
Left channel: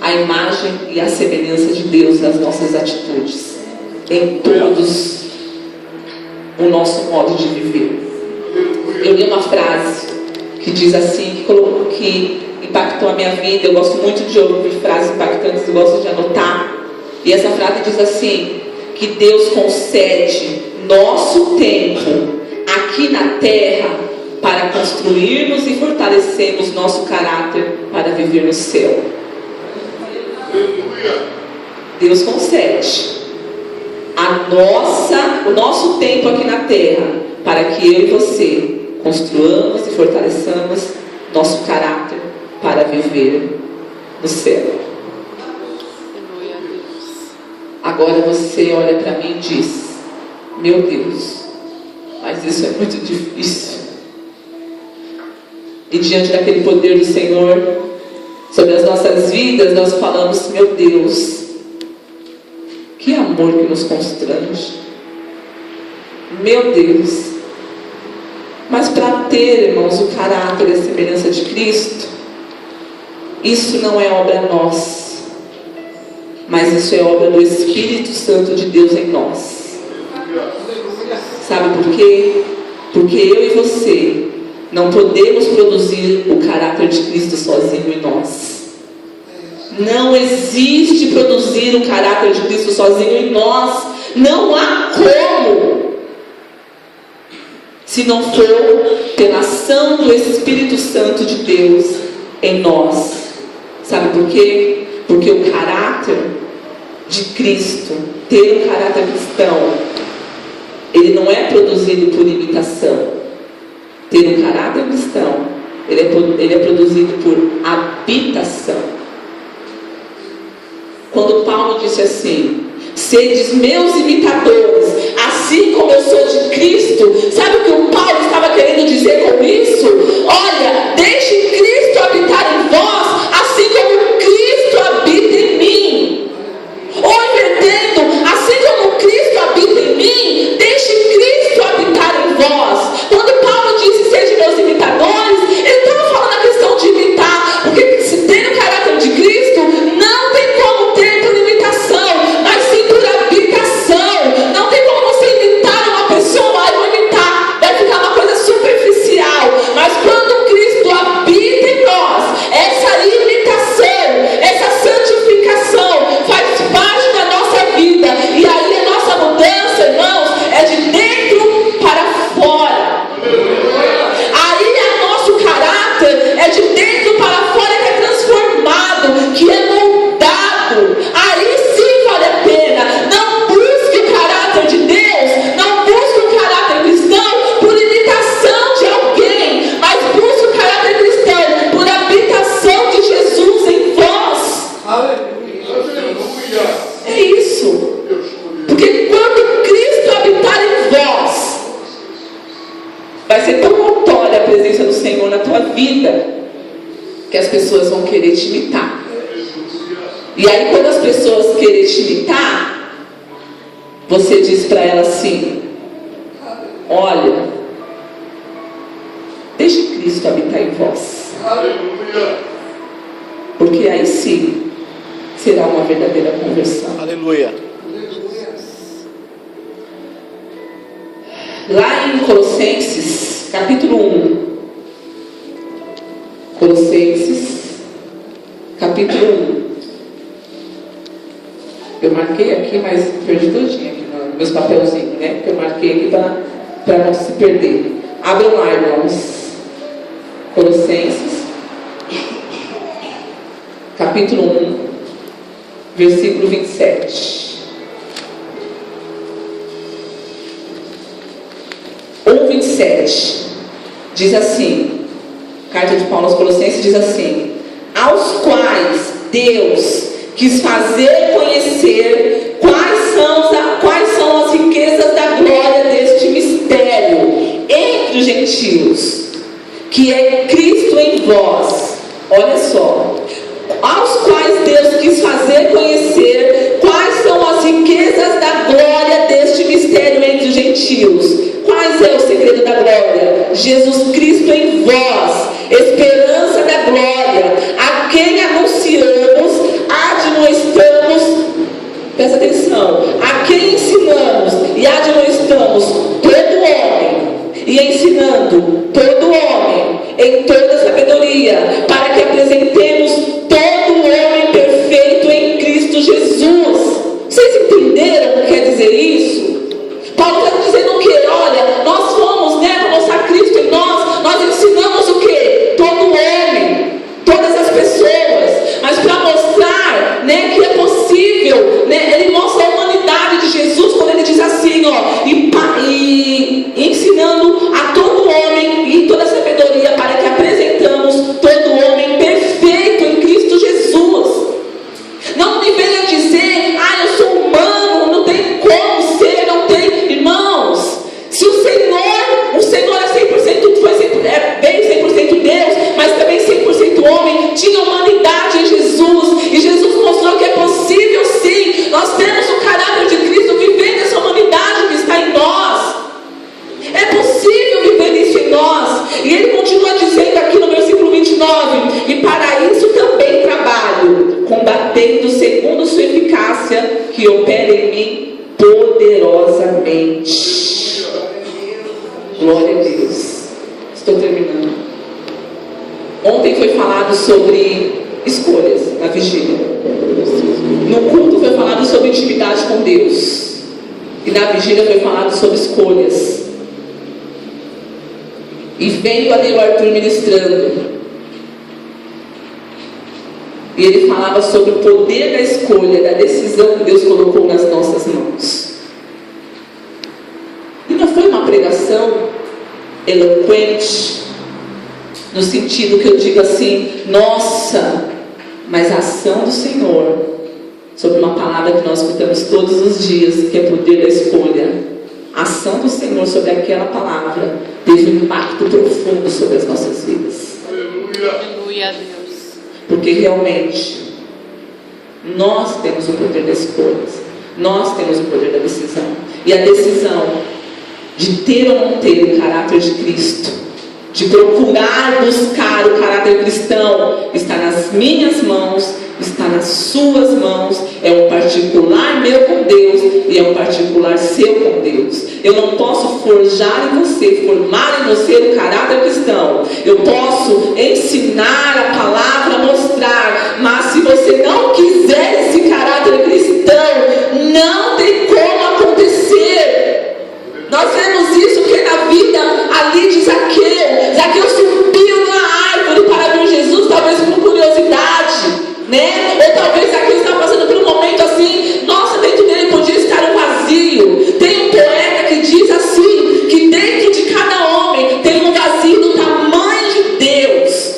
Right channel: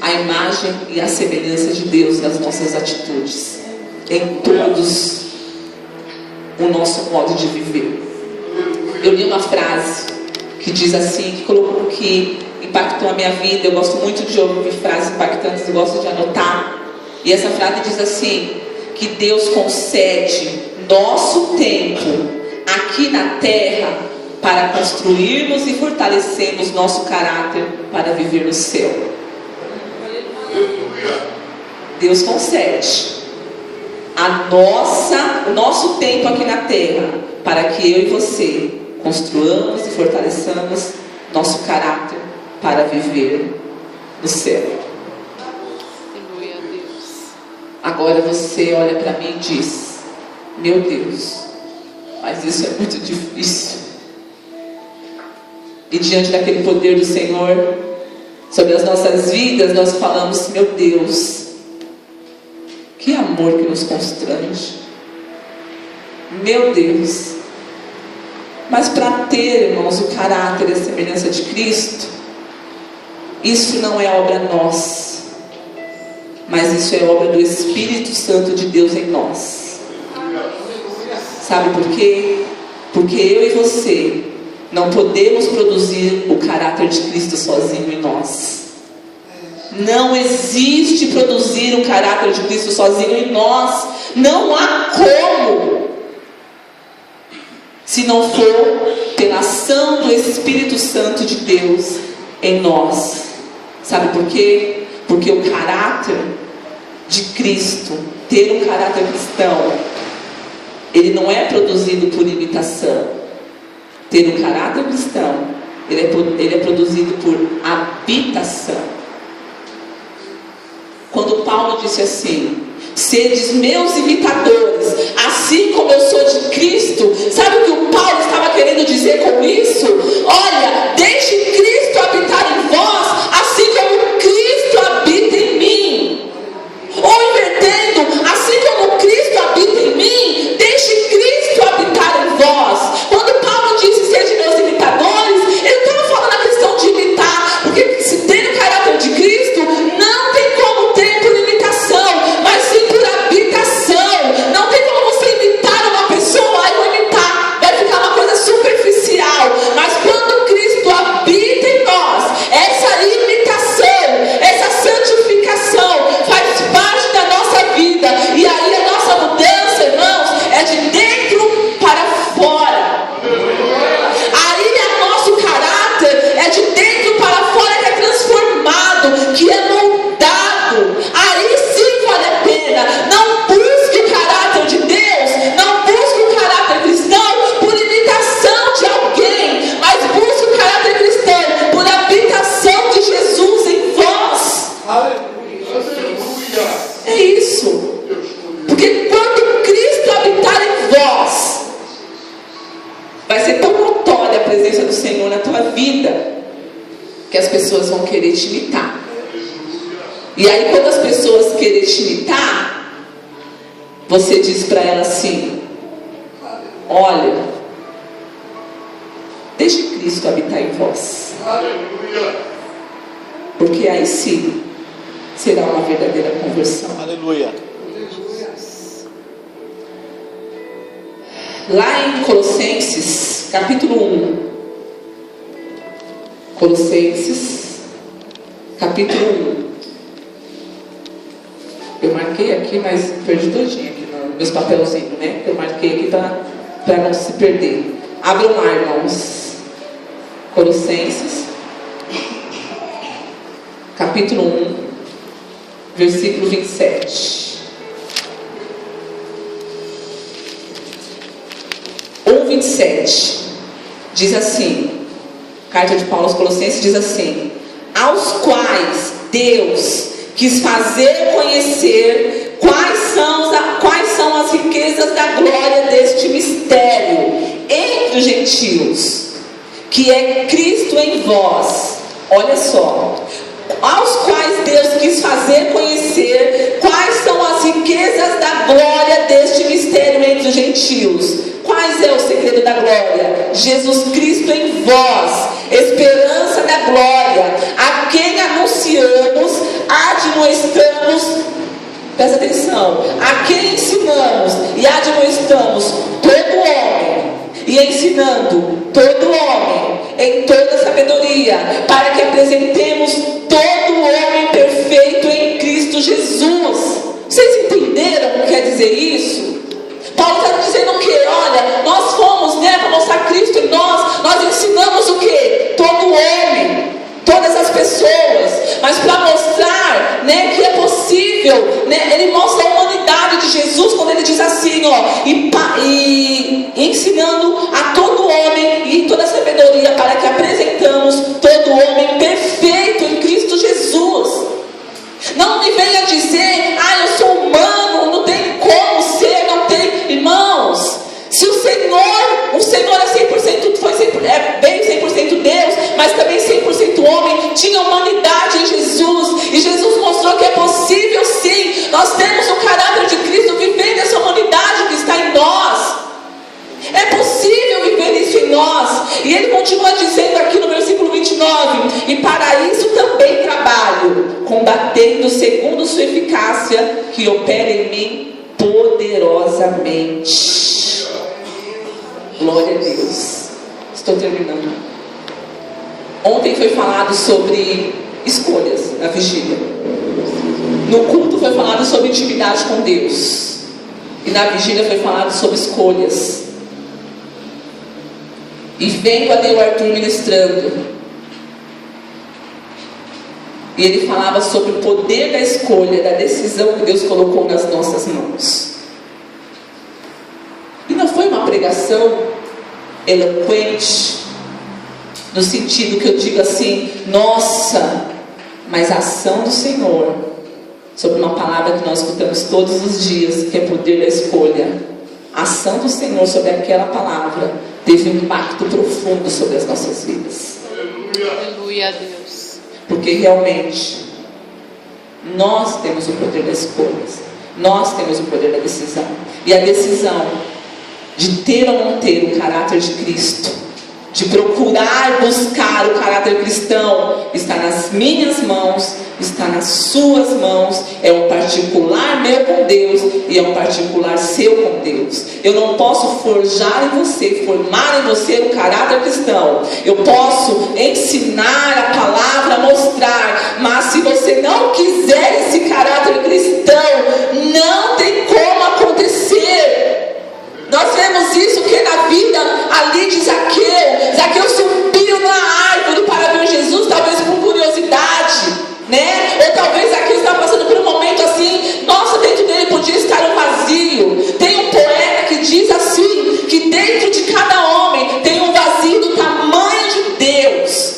a imagem e a semelhança de Deus nas nossas atitudes, em todos o nosso modo de viver. Eu li uma frase que diz assim, que impactou a minha vida. Eu gosto muito de ouvir frases impactantes, eu gosto de anotar. E essa frase diz assim, que Deus concede nosso tempo aqui na terra para construirmos e fortalecermos nosso caráter para viver no céu. Deus concede o nosso tempo aqui na terra para que eu e você construamos e fortaleçamos nosso caráter para viver no céu. Aleluia a Deus. Agora você olha para mim e diz, meu Deus, mas isso é muito difícil. E diante daquele poder do Senhor sobre as nossas vidas, nós falamos, meu Deus, que amor que nos constrange. Meu Deus. Mas para ter, irmãos, o caráter e a semelhança de Cristo, isso não é obra nossa, mas isso é obra do Espírito Santo de Deus em nós. Sabe por quê? Porque eu e você não podemos produzir o caráter de Cristo sozinho em nós. Não existe produzir o caráter de Cristo sozinho em nós. Não há como. Se não for pela ação do Espírito Santo de Deus em nós. Sabe por quê? Porque o caráter de Cristo, ter um caráter cristão, ele não é produzido por imitação. Ter um caráter cristão, ele é produzido por habitação. Quando Paulo disse assim, sedes meus imitadores, assim como eu sou de Cristo, sabe o que o Paulo estava querendo dizer com isso? Olha, deixe Cristo habitar em vós, assim como Cristo habita em mim. Ou invertendo, assim como Cristo habita em mim, deixe Cristo habitar em vós. Quando Paulo disse, sede meus imitadores, ele estava falando a questão de imitar, porque se tem o caráter de Cristo, não tem como ter por imitação, mas sim por habitação. Não tem como você imitar uma pessoa e não imitar, vai ficar uma coisa superficial. Mas quando Cristo habita em nós, essa imitação, essa santificação faz parte da nossa vida. E aí a nossa mudança, irmãos, é de dentro para fora. Aí o nosso caráter é de dentro para fora, que é transformado, que é moldado. Aí sim vale a pena. Não busque o caráter de Deus, não busque o caráter cristão por imitação de alguém, mas busque o caráter cristão por habitação de Jesus em vós. É isso. Porque quando Cristo habitar em vós, vai ser tão notória a presença do Senhor na tua vida, que as pessoas vão querer te imitar. E aí quando as pessoas querem te imitar, você diz para ela assim, olha, deixe Cristo habitar em vós. Porque aí sim será uma verdadeira conversão. Aleluia. Lá em Colossenses, capítulo 1. Colossenses, capítulo 1. Eu marquei aqui, mas perdi todinho aqui nos meus papelzinhos, né? Eu marquei aqui para não se perder. Abram lá, irmãos. Colossenses, capítulo capítulo 1, versículo 27. 1:27 diz assim, carta de Paulo aos Colossenses diz assim: aos quais Deus quis fazer conhecer quais são as riquezas da glória deste mistério entre os gentios, que é Cristo em vós. Olha só, aos quais Deus quis fazer conhecer quais são as riquezas da glória deste mistério entre os gentios. Quais é o segredo da glória? Jesus Cristo em vós, esperança da glória, a quem anunciamos, admoestamos, presta atenção, a quem ensinamos e admoestamos todo homem, e ensinando todo homem em toda sabedoria, para que apresentemos todo homem perfeito em Cristo Jesus. Vocês entenderam o que quer dizer isso? Paulo está dizendo o quê? Olha, nós fomos, para mostrar Cristo em nós ensinamos o quê? Todo homem, todas as pessoas, mas para mostrar, que é possível, ele mostra a humanidade de Jesus quando ele diz assim, e ensinando a todo homem e em toda sabedoria, para que apresentamos todo homem perfeito em Cristo Jesus. Não me venha dizer, eu sou humano, não tem como ser, não tem. Irmãos, se o Senhor é 100%, veio 100% Deus, mas também 100% homem, tinha humanidade em Jesus, e Jesus mostrou que é possível sim, nós temos o caráter de Cristo vivendo essa humanidade que está em nós. É possível viver isso em nós. E ele continua dizendo aqui no versículo 29, e para isso também trabalho, combatendo segundo sua eficácia, que opera em mim poderosamente. Glória a Deus. Estou terminando. Ontem foi falado sobre escolhas na vigília. No culto foi falado sobre intimidade com Deus, e na vigília foi falado sobre escolhas. E vendo a Neu Arthur ministrando, e ele falava sobre o poder da escolha, da decisão que Deus colocou nas nossas mãos. E não foi uma pregação eloquente, no sentido que eu digo assim, nossa, mas a ação do Senhor, sobre uma palavra que nós escutamos todos os dias, que é poder da escolha. A ação do Senhor sobre aquela palavra teve um impacto profundo sobre as nossas vidas. Aleluia a Deus. Porque realmente nós temos o poder das escolhas, nós temos o poder da decisão. E a decisão de ter ou não ter o caráter de Cristo, de procurar buscar o caráter cristão, está nas minhas mãos, está nas suas mãos. É um particular meu com Deus e é um particular seu com Deus. Eu não posso forjar em você, formar em você o caráter cristão. Eu posso ensinar a palavra, mostrar, mas se você não quiser esse caráter cristão, não tem como acontecer. Nós vemos isso que na vida ali de Zaqueu subiu na árvore para ver Jesus, talvez por curiosidade, ou talvez Zaqueu estava passando por um momento assim, nossa, dentro dele podia estar um vazio. Tem um poeta que diz assim, que dentro de cada homem tem um vazio do tamanho de Deus,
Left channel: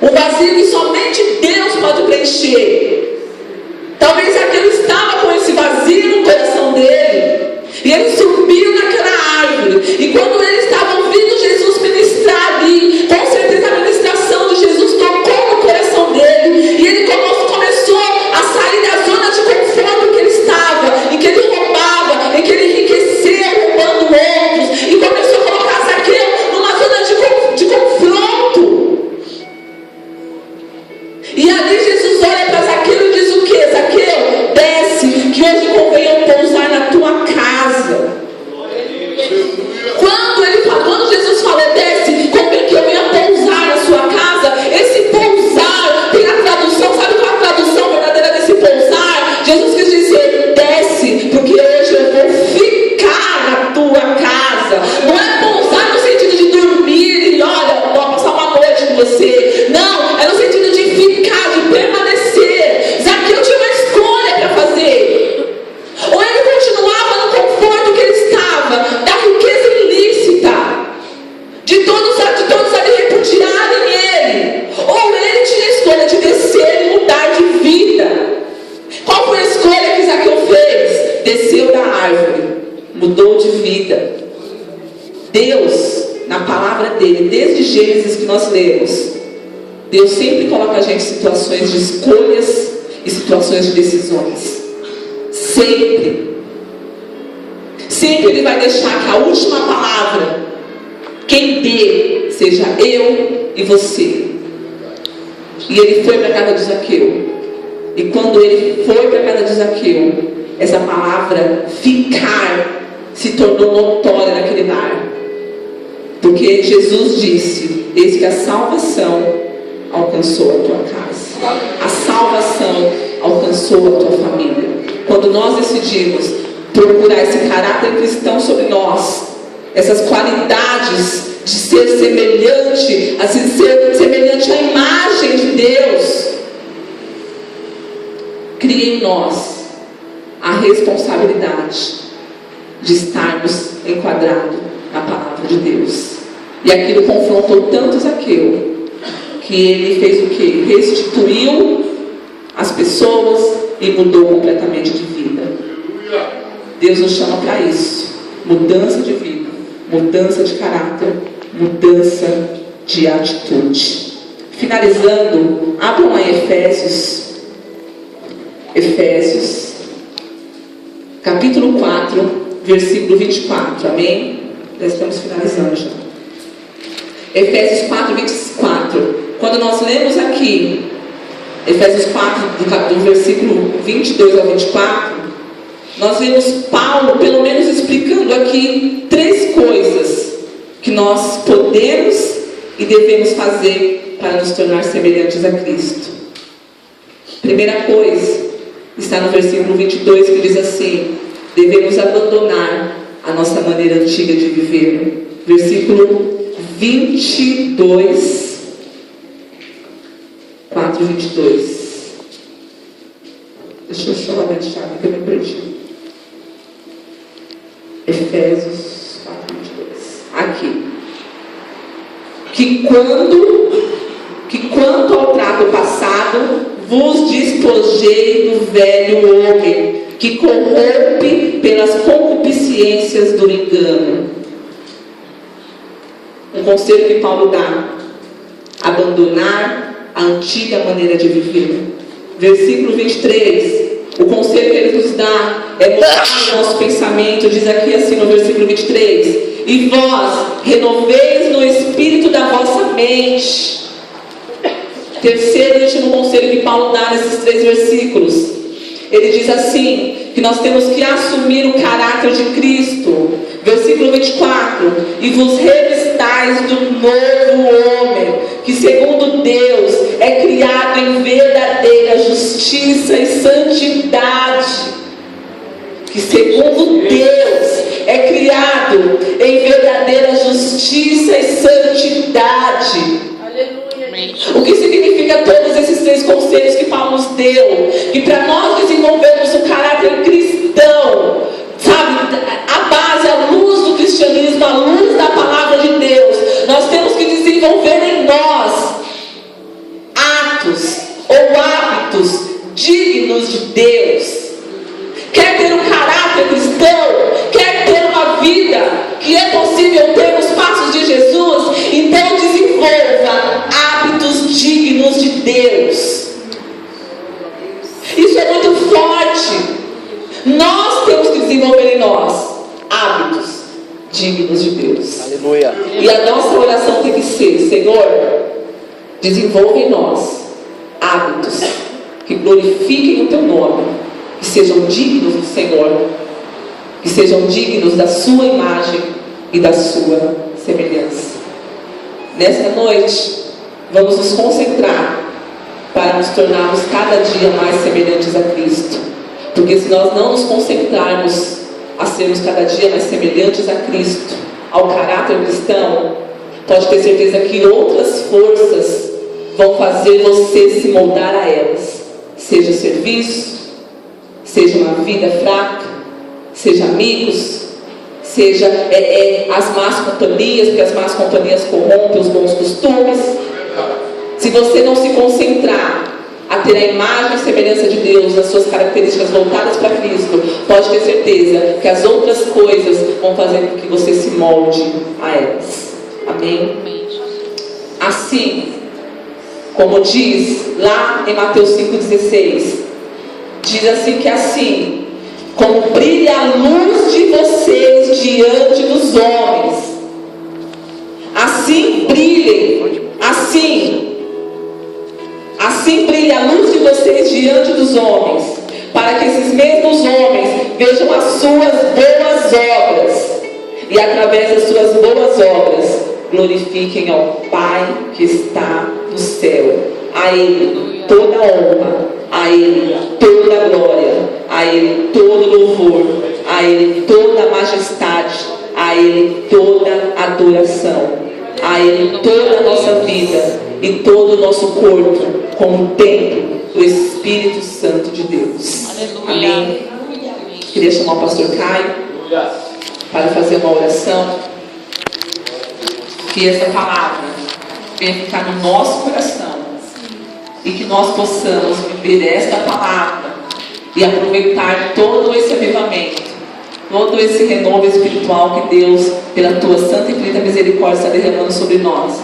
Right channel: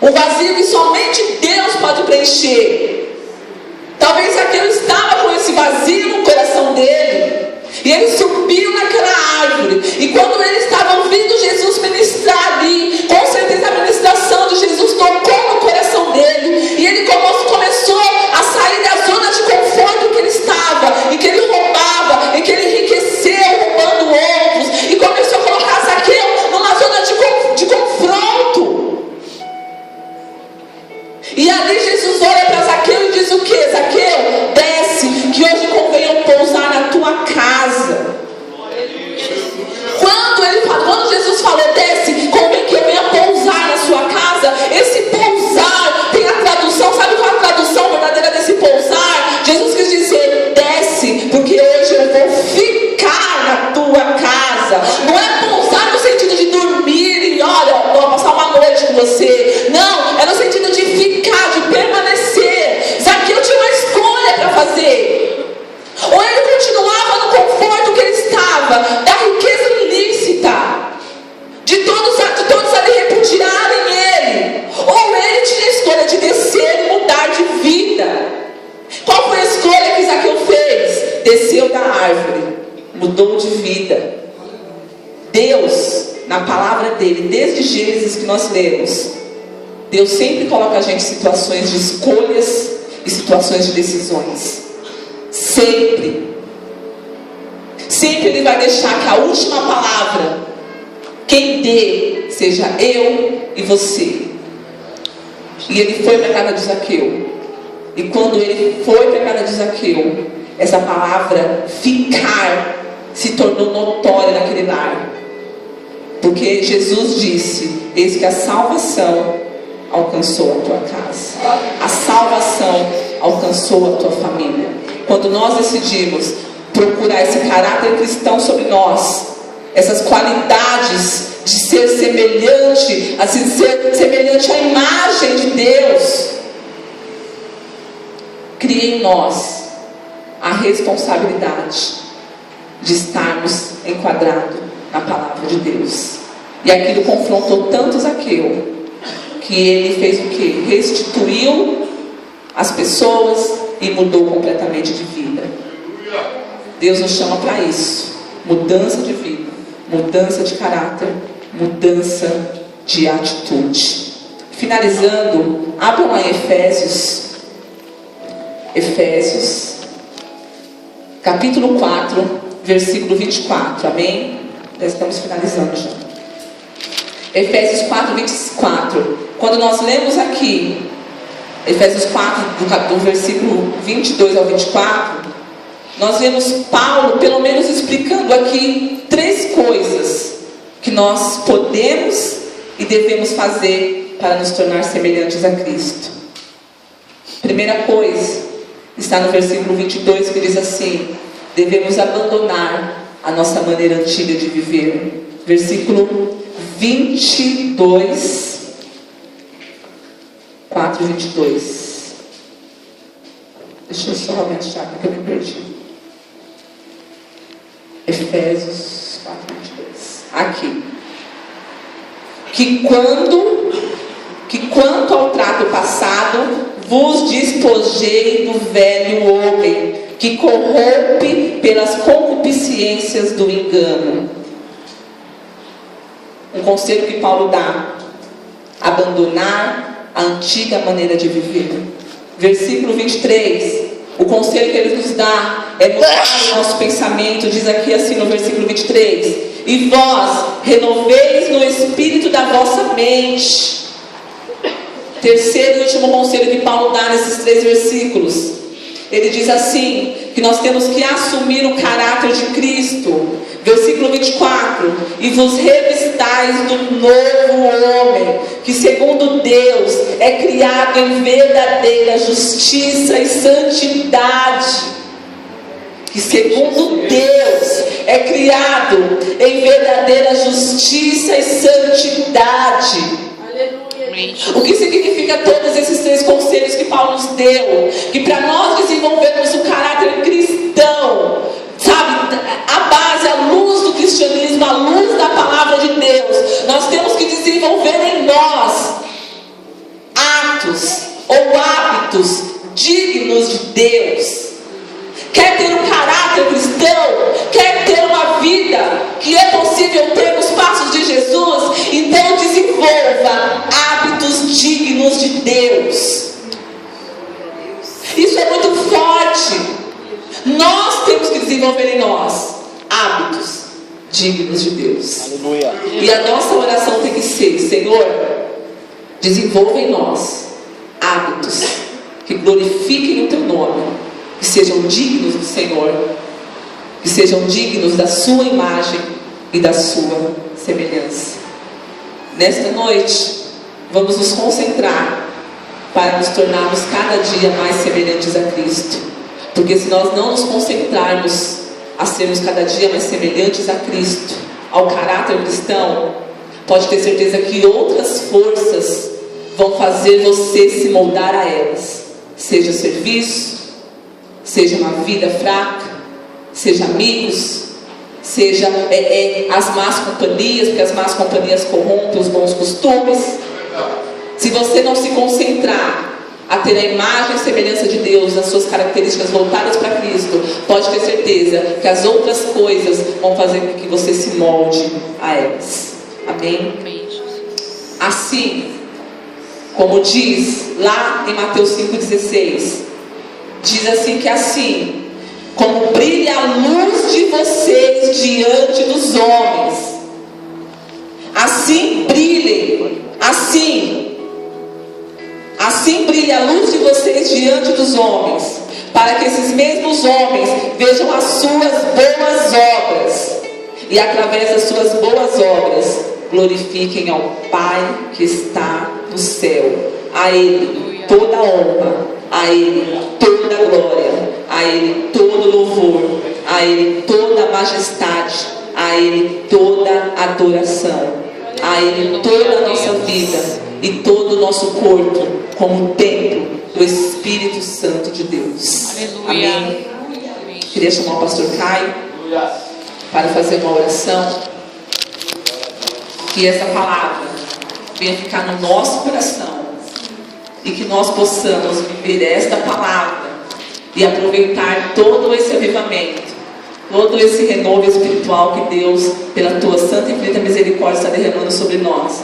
um vazio que somente Deus pode preencher. Talvez Zaqueu estava com esse vazio no coração dele, e ele subiu naquela árvore, e quando ele estava ouvindo Jesus ministrar ali, com certeza a ministração de Jesus tocou no coração dele, e ele começou a sair da zona de conforto em que ele estava, em que ele roubava, em que ele enriqueceu roubando outros, e começou a colocar Zaqueu numa zona de confronto. E ali Jesus olha para Zaqueu e diz o que? Zaqueu, desce, que hoje convém eu pousar na tua casa. Quando Deus, na palavra dele, desde Gênesis que nós lemos, Deus sempre coloca a gente em situações de escolhas e situações de decisões. Sempre. Sempre Ele vai deixar que a última palavra, quem dê, seja eu e você. E Ele foi para a casa de Zaqueu. E quando Ele foi para a casa de Zaqueu, essa palavra ficar se tornou notória naquele lar. Porque Jesus disse: eis que a salvação alcançou a tua casa. A salvação alcançou a tua família. Quando nós decidimos procurar esse caráter cristão sobre nós, essas qualidades de ser semelhante, assim, ser semelhante à imagem de Deus, cria em nós a responsabilidade de estarmos enquadrados na palavra de Deus. E aquilo confrontou tanto Zaqueu, que ele fez o quê? Restituiu as pessoas e mudou completamente de vida. Deus nos chama para isso. Mudança de vida, mudança de caráter, mudança de atitude. Finalizando, abram lá em Efésios, capítulo 4, versículo 24, amém? Já estamos finalizando já. Efésios 4, 24. Quando nós lemos aqui, Efésios 4, do versículo 22 ao 24, nós vemos Paulo, pelo menos, explicando aqui 3 coisas que nós podemos e devemos fazer para nos tornar semelhantes a Cristo. Primeira coisa, está no versículo 22, que diz assim: devemos abandonar a nossa maneira antiga de viver. Versículo 22, 4, 22. Deixa eu só achar que eu me perdi. Efésios 4, 22. Aqui. Que quanto ao trato passado, vos despojei do velho homem, que corrompe pelas concupiscências do engano. Um conselho que Paulo dá: abandonar a antiga maneira de viver. Versículo 23, o conselho que ele nos dá é mudar o nosso pensamento. Diz aqui assim no versículo 23: e vós renoveis no espírito da vossa mente. Terceiro e último conselho que Paulo dá nesses 3 versículos, ele diz assim, que nós temos que assumir o caráter de Cristo. Versículo 24: e vos revistais do novo homem, que segundo Deus é criado em verdadeira justiça e santidade. Que segundo Deus é criado em verdadeira justiça e santidade. O que significa todos esses 3 conselhos que Paulo nos deu? Que para nós desenvolvermos o caráter cristão, sabe, a base, a luz do cristianismo, a luz da palavra de Deus, nós temos que desenvolver em nós atos ou hábitos dignos de Deus. Quer ter um caráter cristão? Quer ter uma vida que é possível ter nos passos de Jesus? Então desenvolva hábitos dignos de Deus. Isso é muito forte. Nós temos que desenvolver em nós hábitos dignos de Deus. Aleluia. E a nossa oração tem que ser: Senhor, desenvolva em nós hábitos que glorifiquem o teu nome, que sejam dignos do Senhor, que sejam dignos da sua imagem e da sua semelhança. Nesta noite, vamos nos concentrar para nos tornarmos cada dia mais semelhantes a Cristo. Porque se nós não nos concentrarmos a sermos cada dia mais semelhantes a Cristo, ao caráter cristão, pode ter certeza que outras forças vão fazer você se moldar a elas. Seja serviço, seja uma vida fraca, seja amigos, seja as más companhias, porque as más companhias corrompem os bons costumes. Se você não se concentrar a ter a imagem e a semelhança de Deus, as suas características voltadas para Cristo, pode ter certeza que as outras coisas vão fazer com que você se molde a elas. Amém? Assim, como diz lá em Mateus 5,16, diz assim que assim, como brilha a luz de vocês diante dos homens, assim brilhem, assim brilha a luz de vocês diante dos homens, para que esses mesmos homens vejam as suas boas obras e através das suas boas obras glorifiquem ao Pai que está no céu. A Ele toda a honra, a Ele toda a glória, a Ele todo louvor, a Ele toda a majestade, a Ele toda a adoração, a Ele toda a nossa vida e todo o nosso corpo como templo do Espírito Santo de Deus. Amém? Queria chamar o pastor Caio para fazer uma oração. Que essa palavra venha ficar no nosso coração e que nós possamos viver esta palavra e aproveitar todo esse avivamento, todo esse renovo espiritual que Deus, pela tua santa e infinita misericórdia, está derramando sobre nós,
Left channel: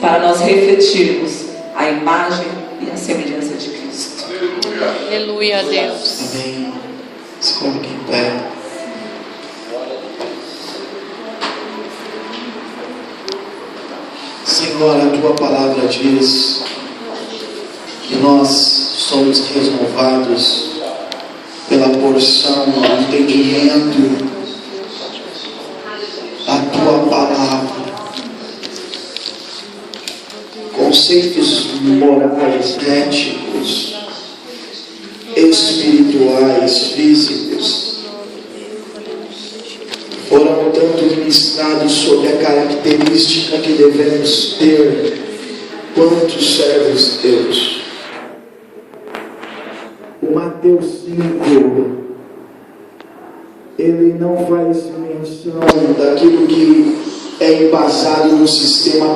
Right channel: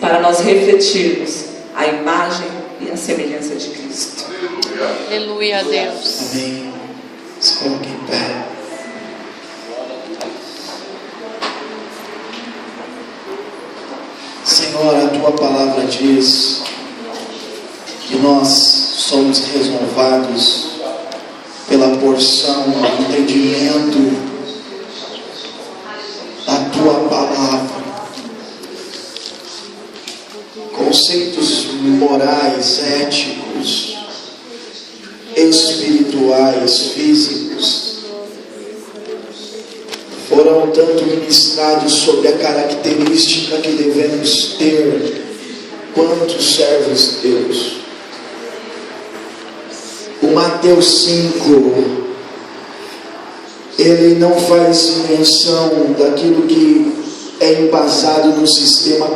para nós refletirmos a imagem e a semelhança de Cristo. Aleluia a Deus. Amém. Se coloque em pé. Senhor, a tua palavra diz que nós somos renovados pela porção do entendimento da tua palavra. Conceitos morais, éticos, espirituais, físicos foram tanto ministrados sobre a característica que devemos ter quanto servos de Deus. O Mateus 5, ele não faz menção daquilo que é embasado no sistema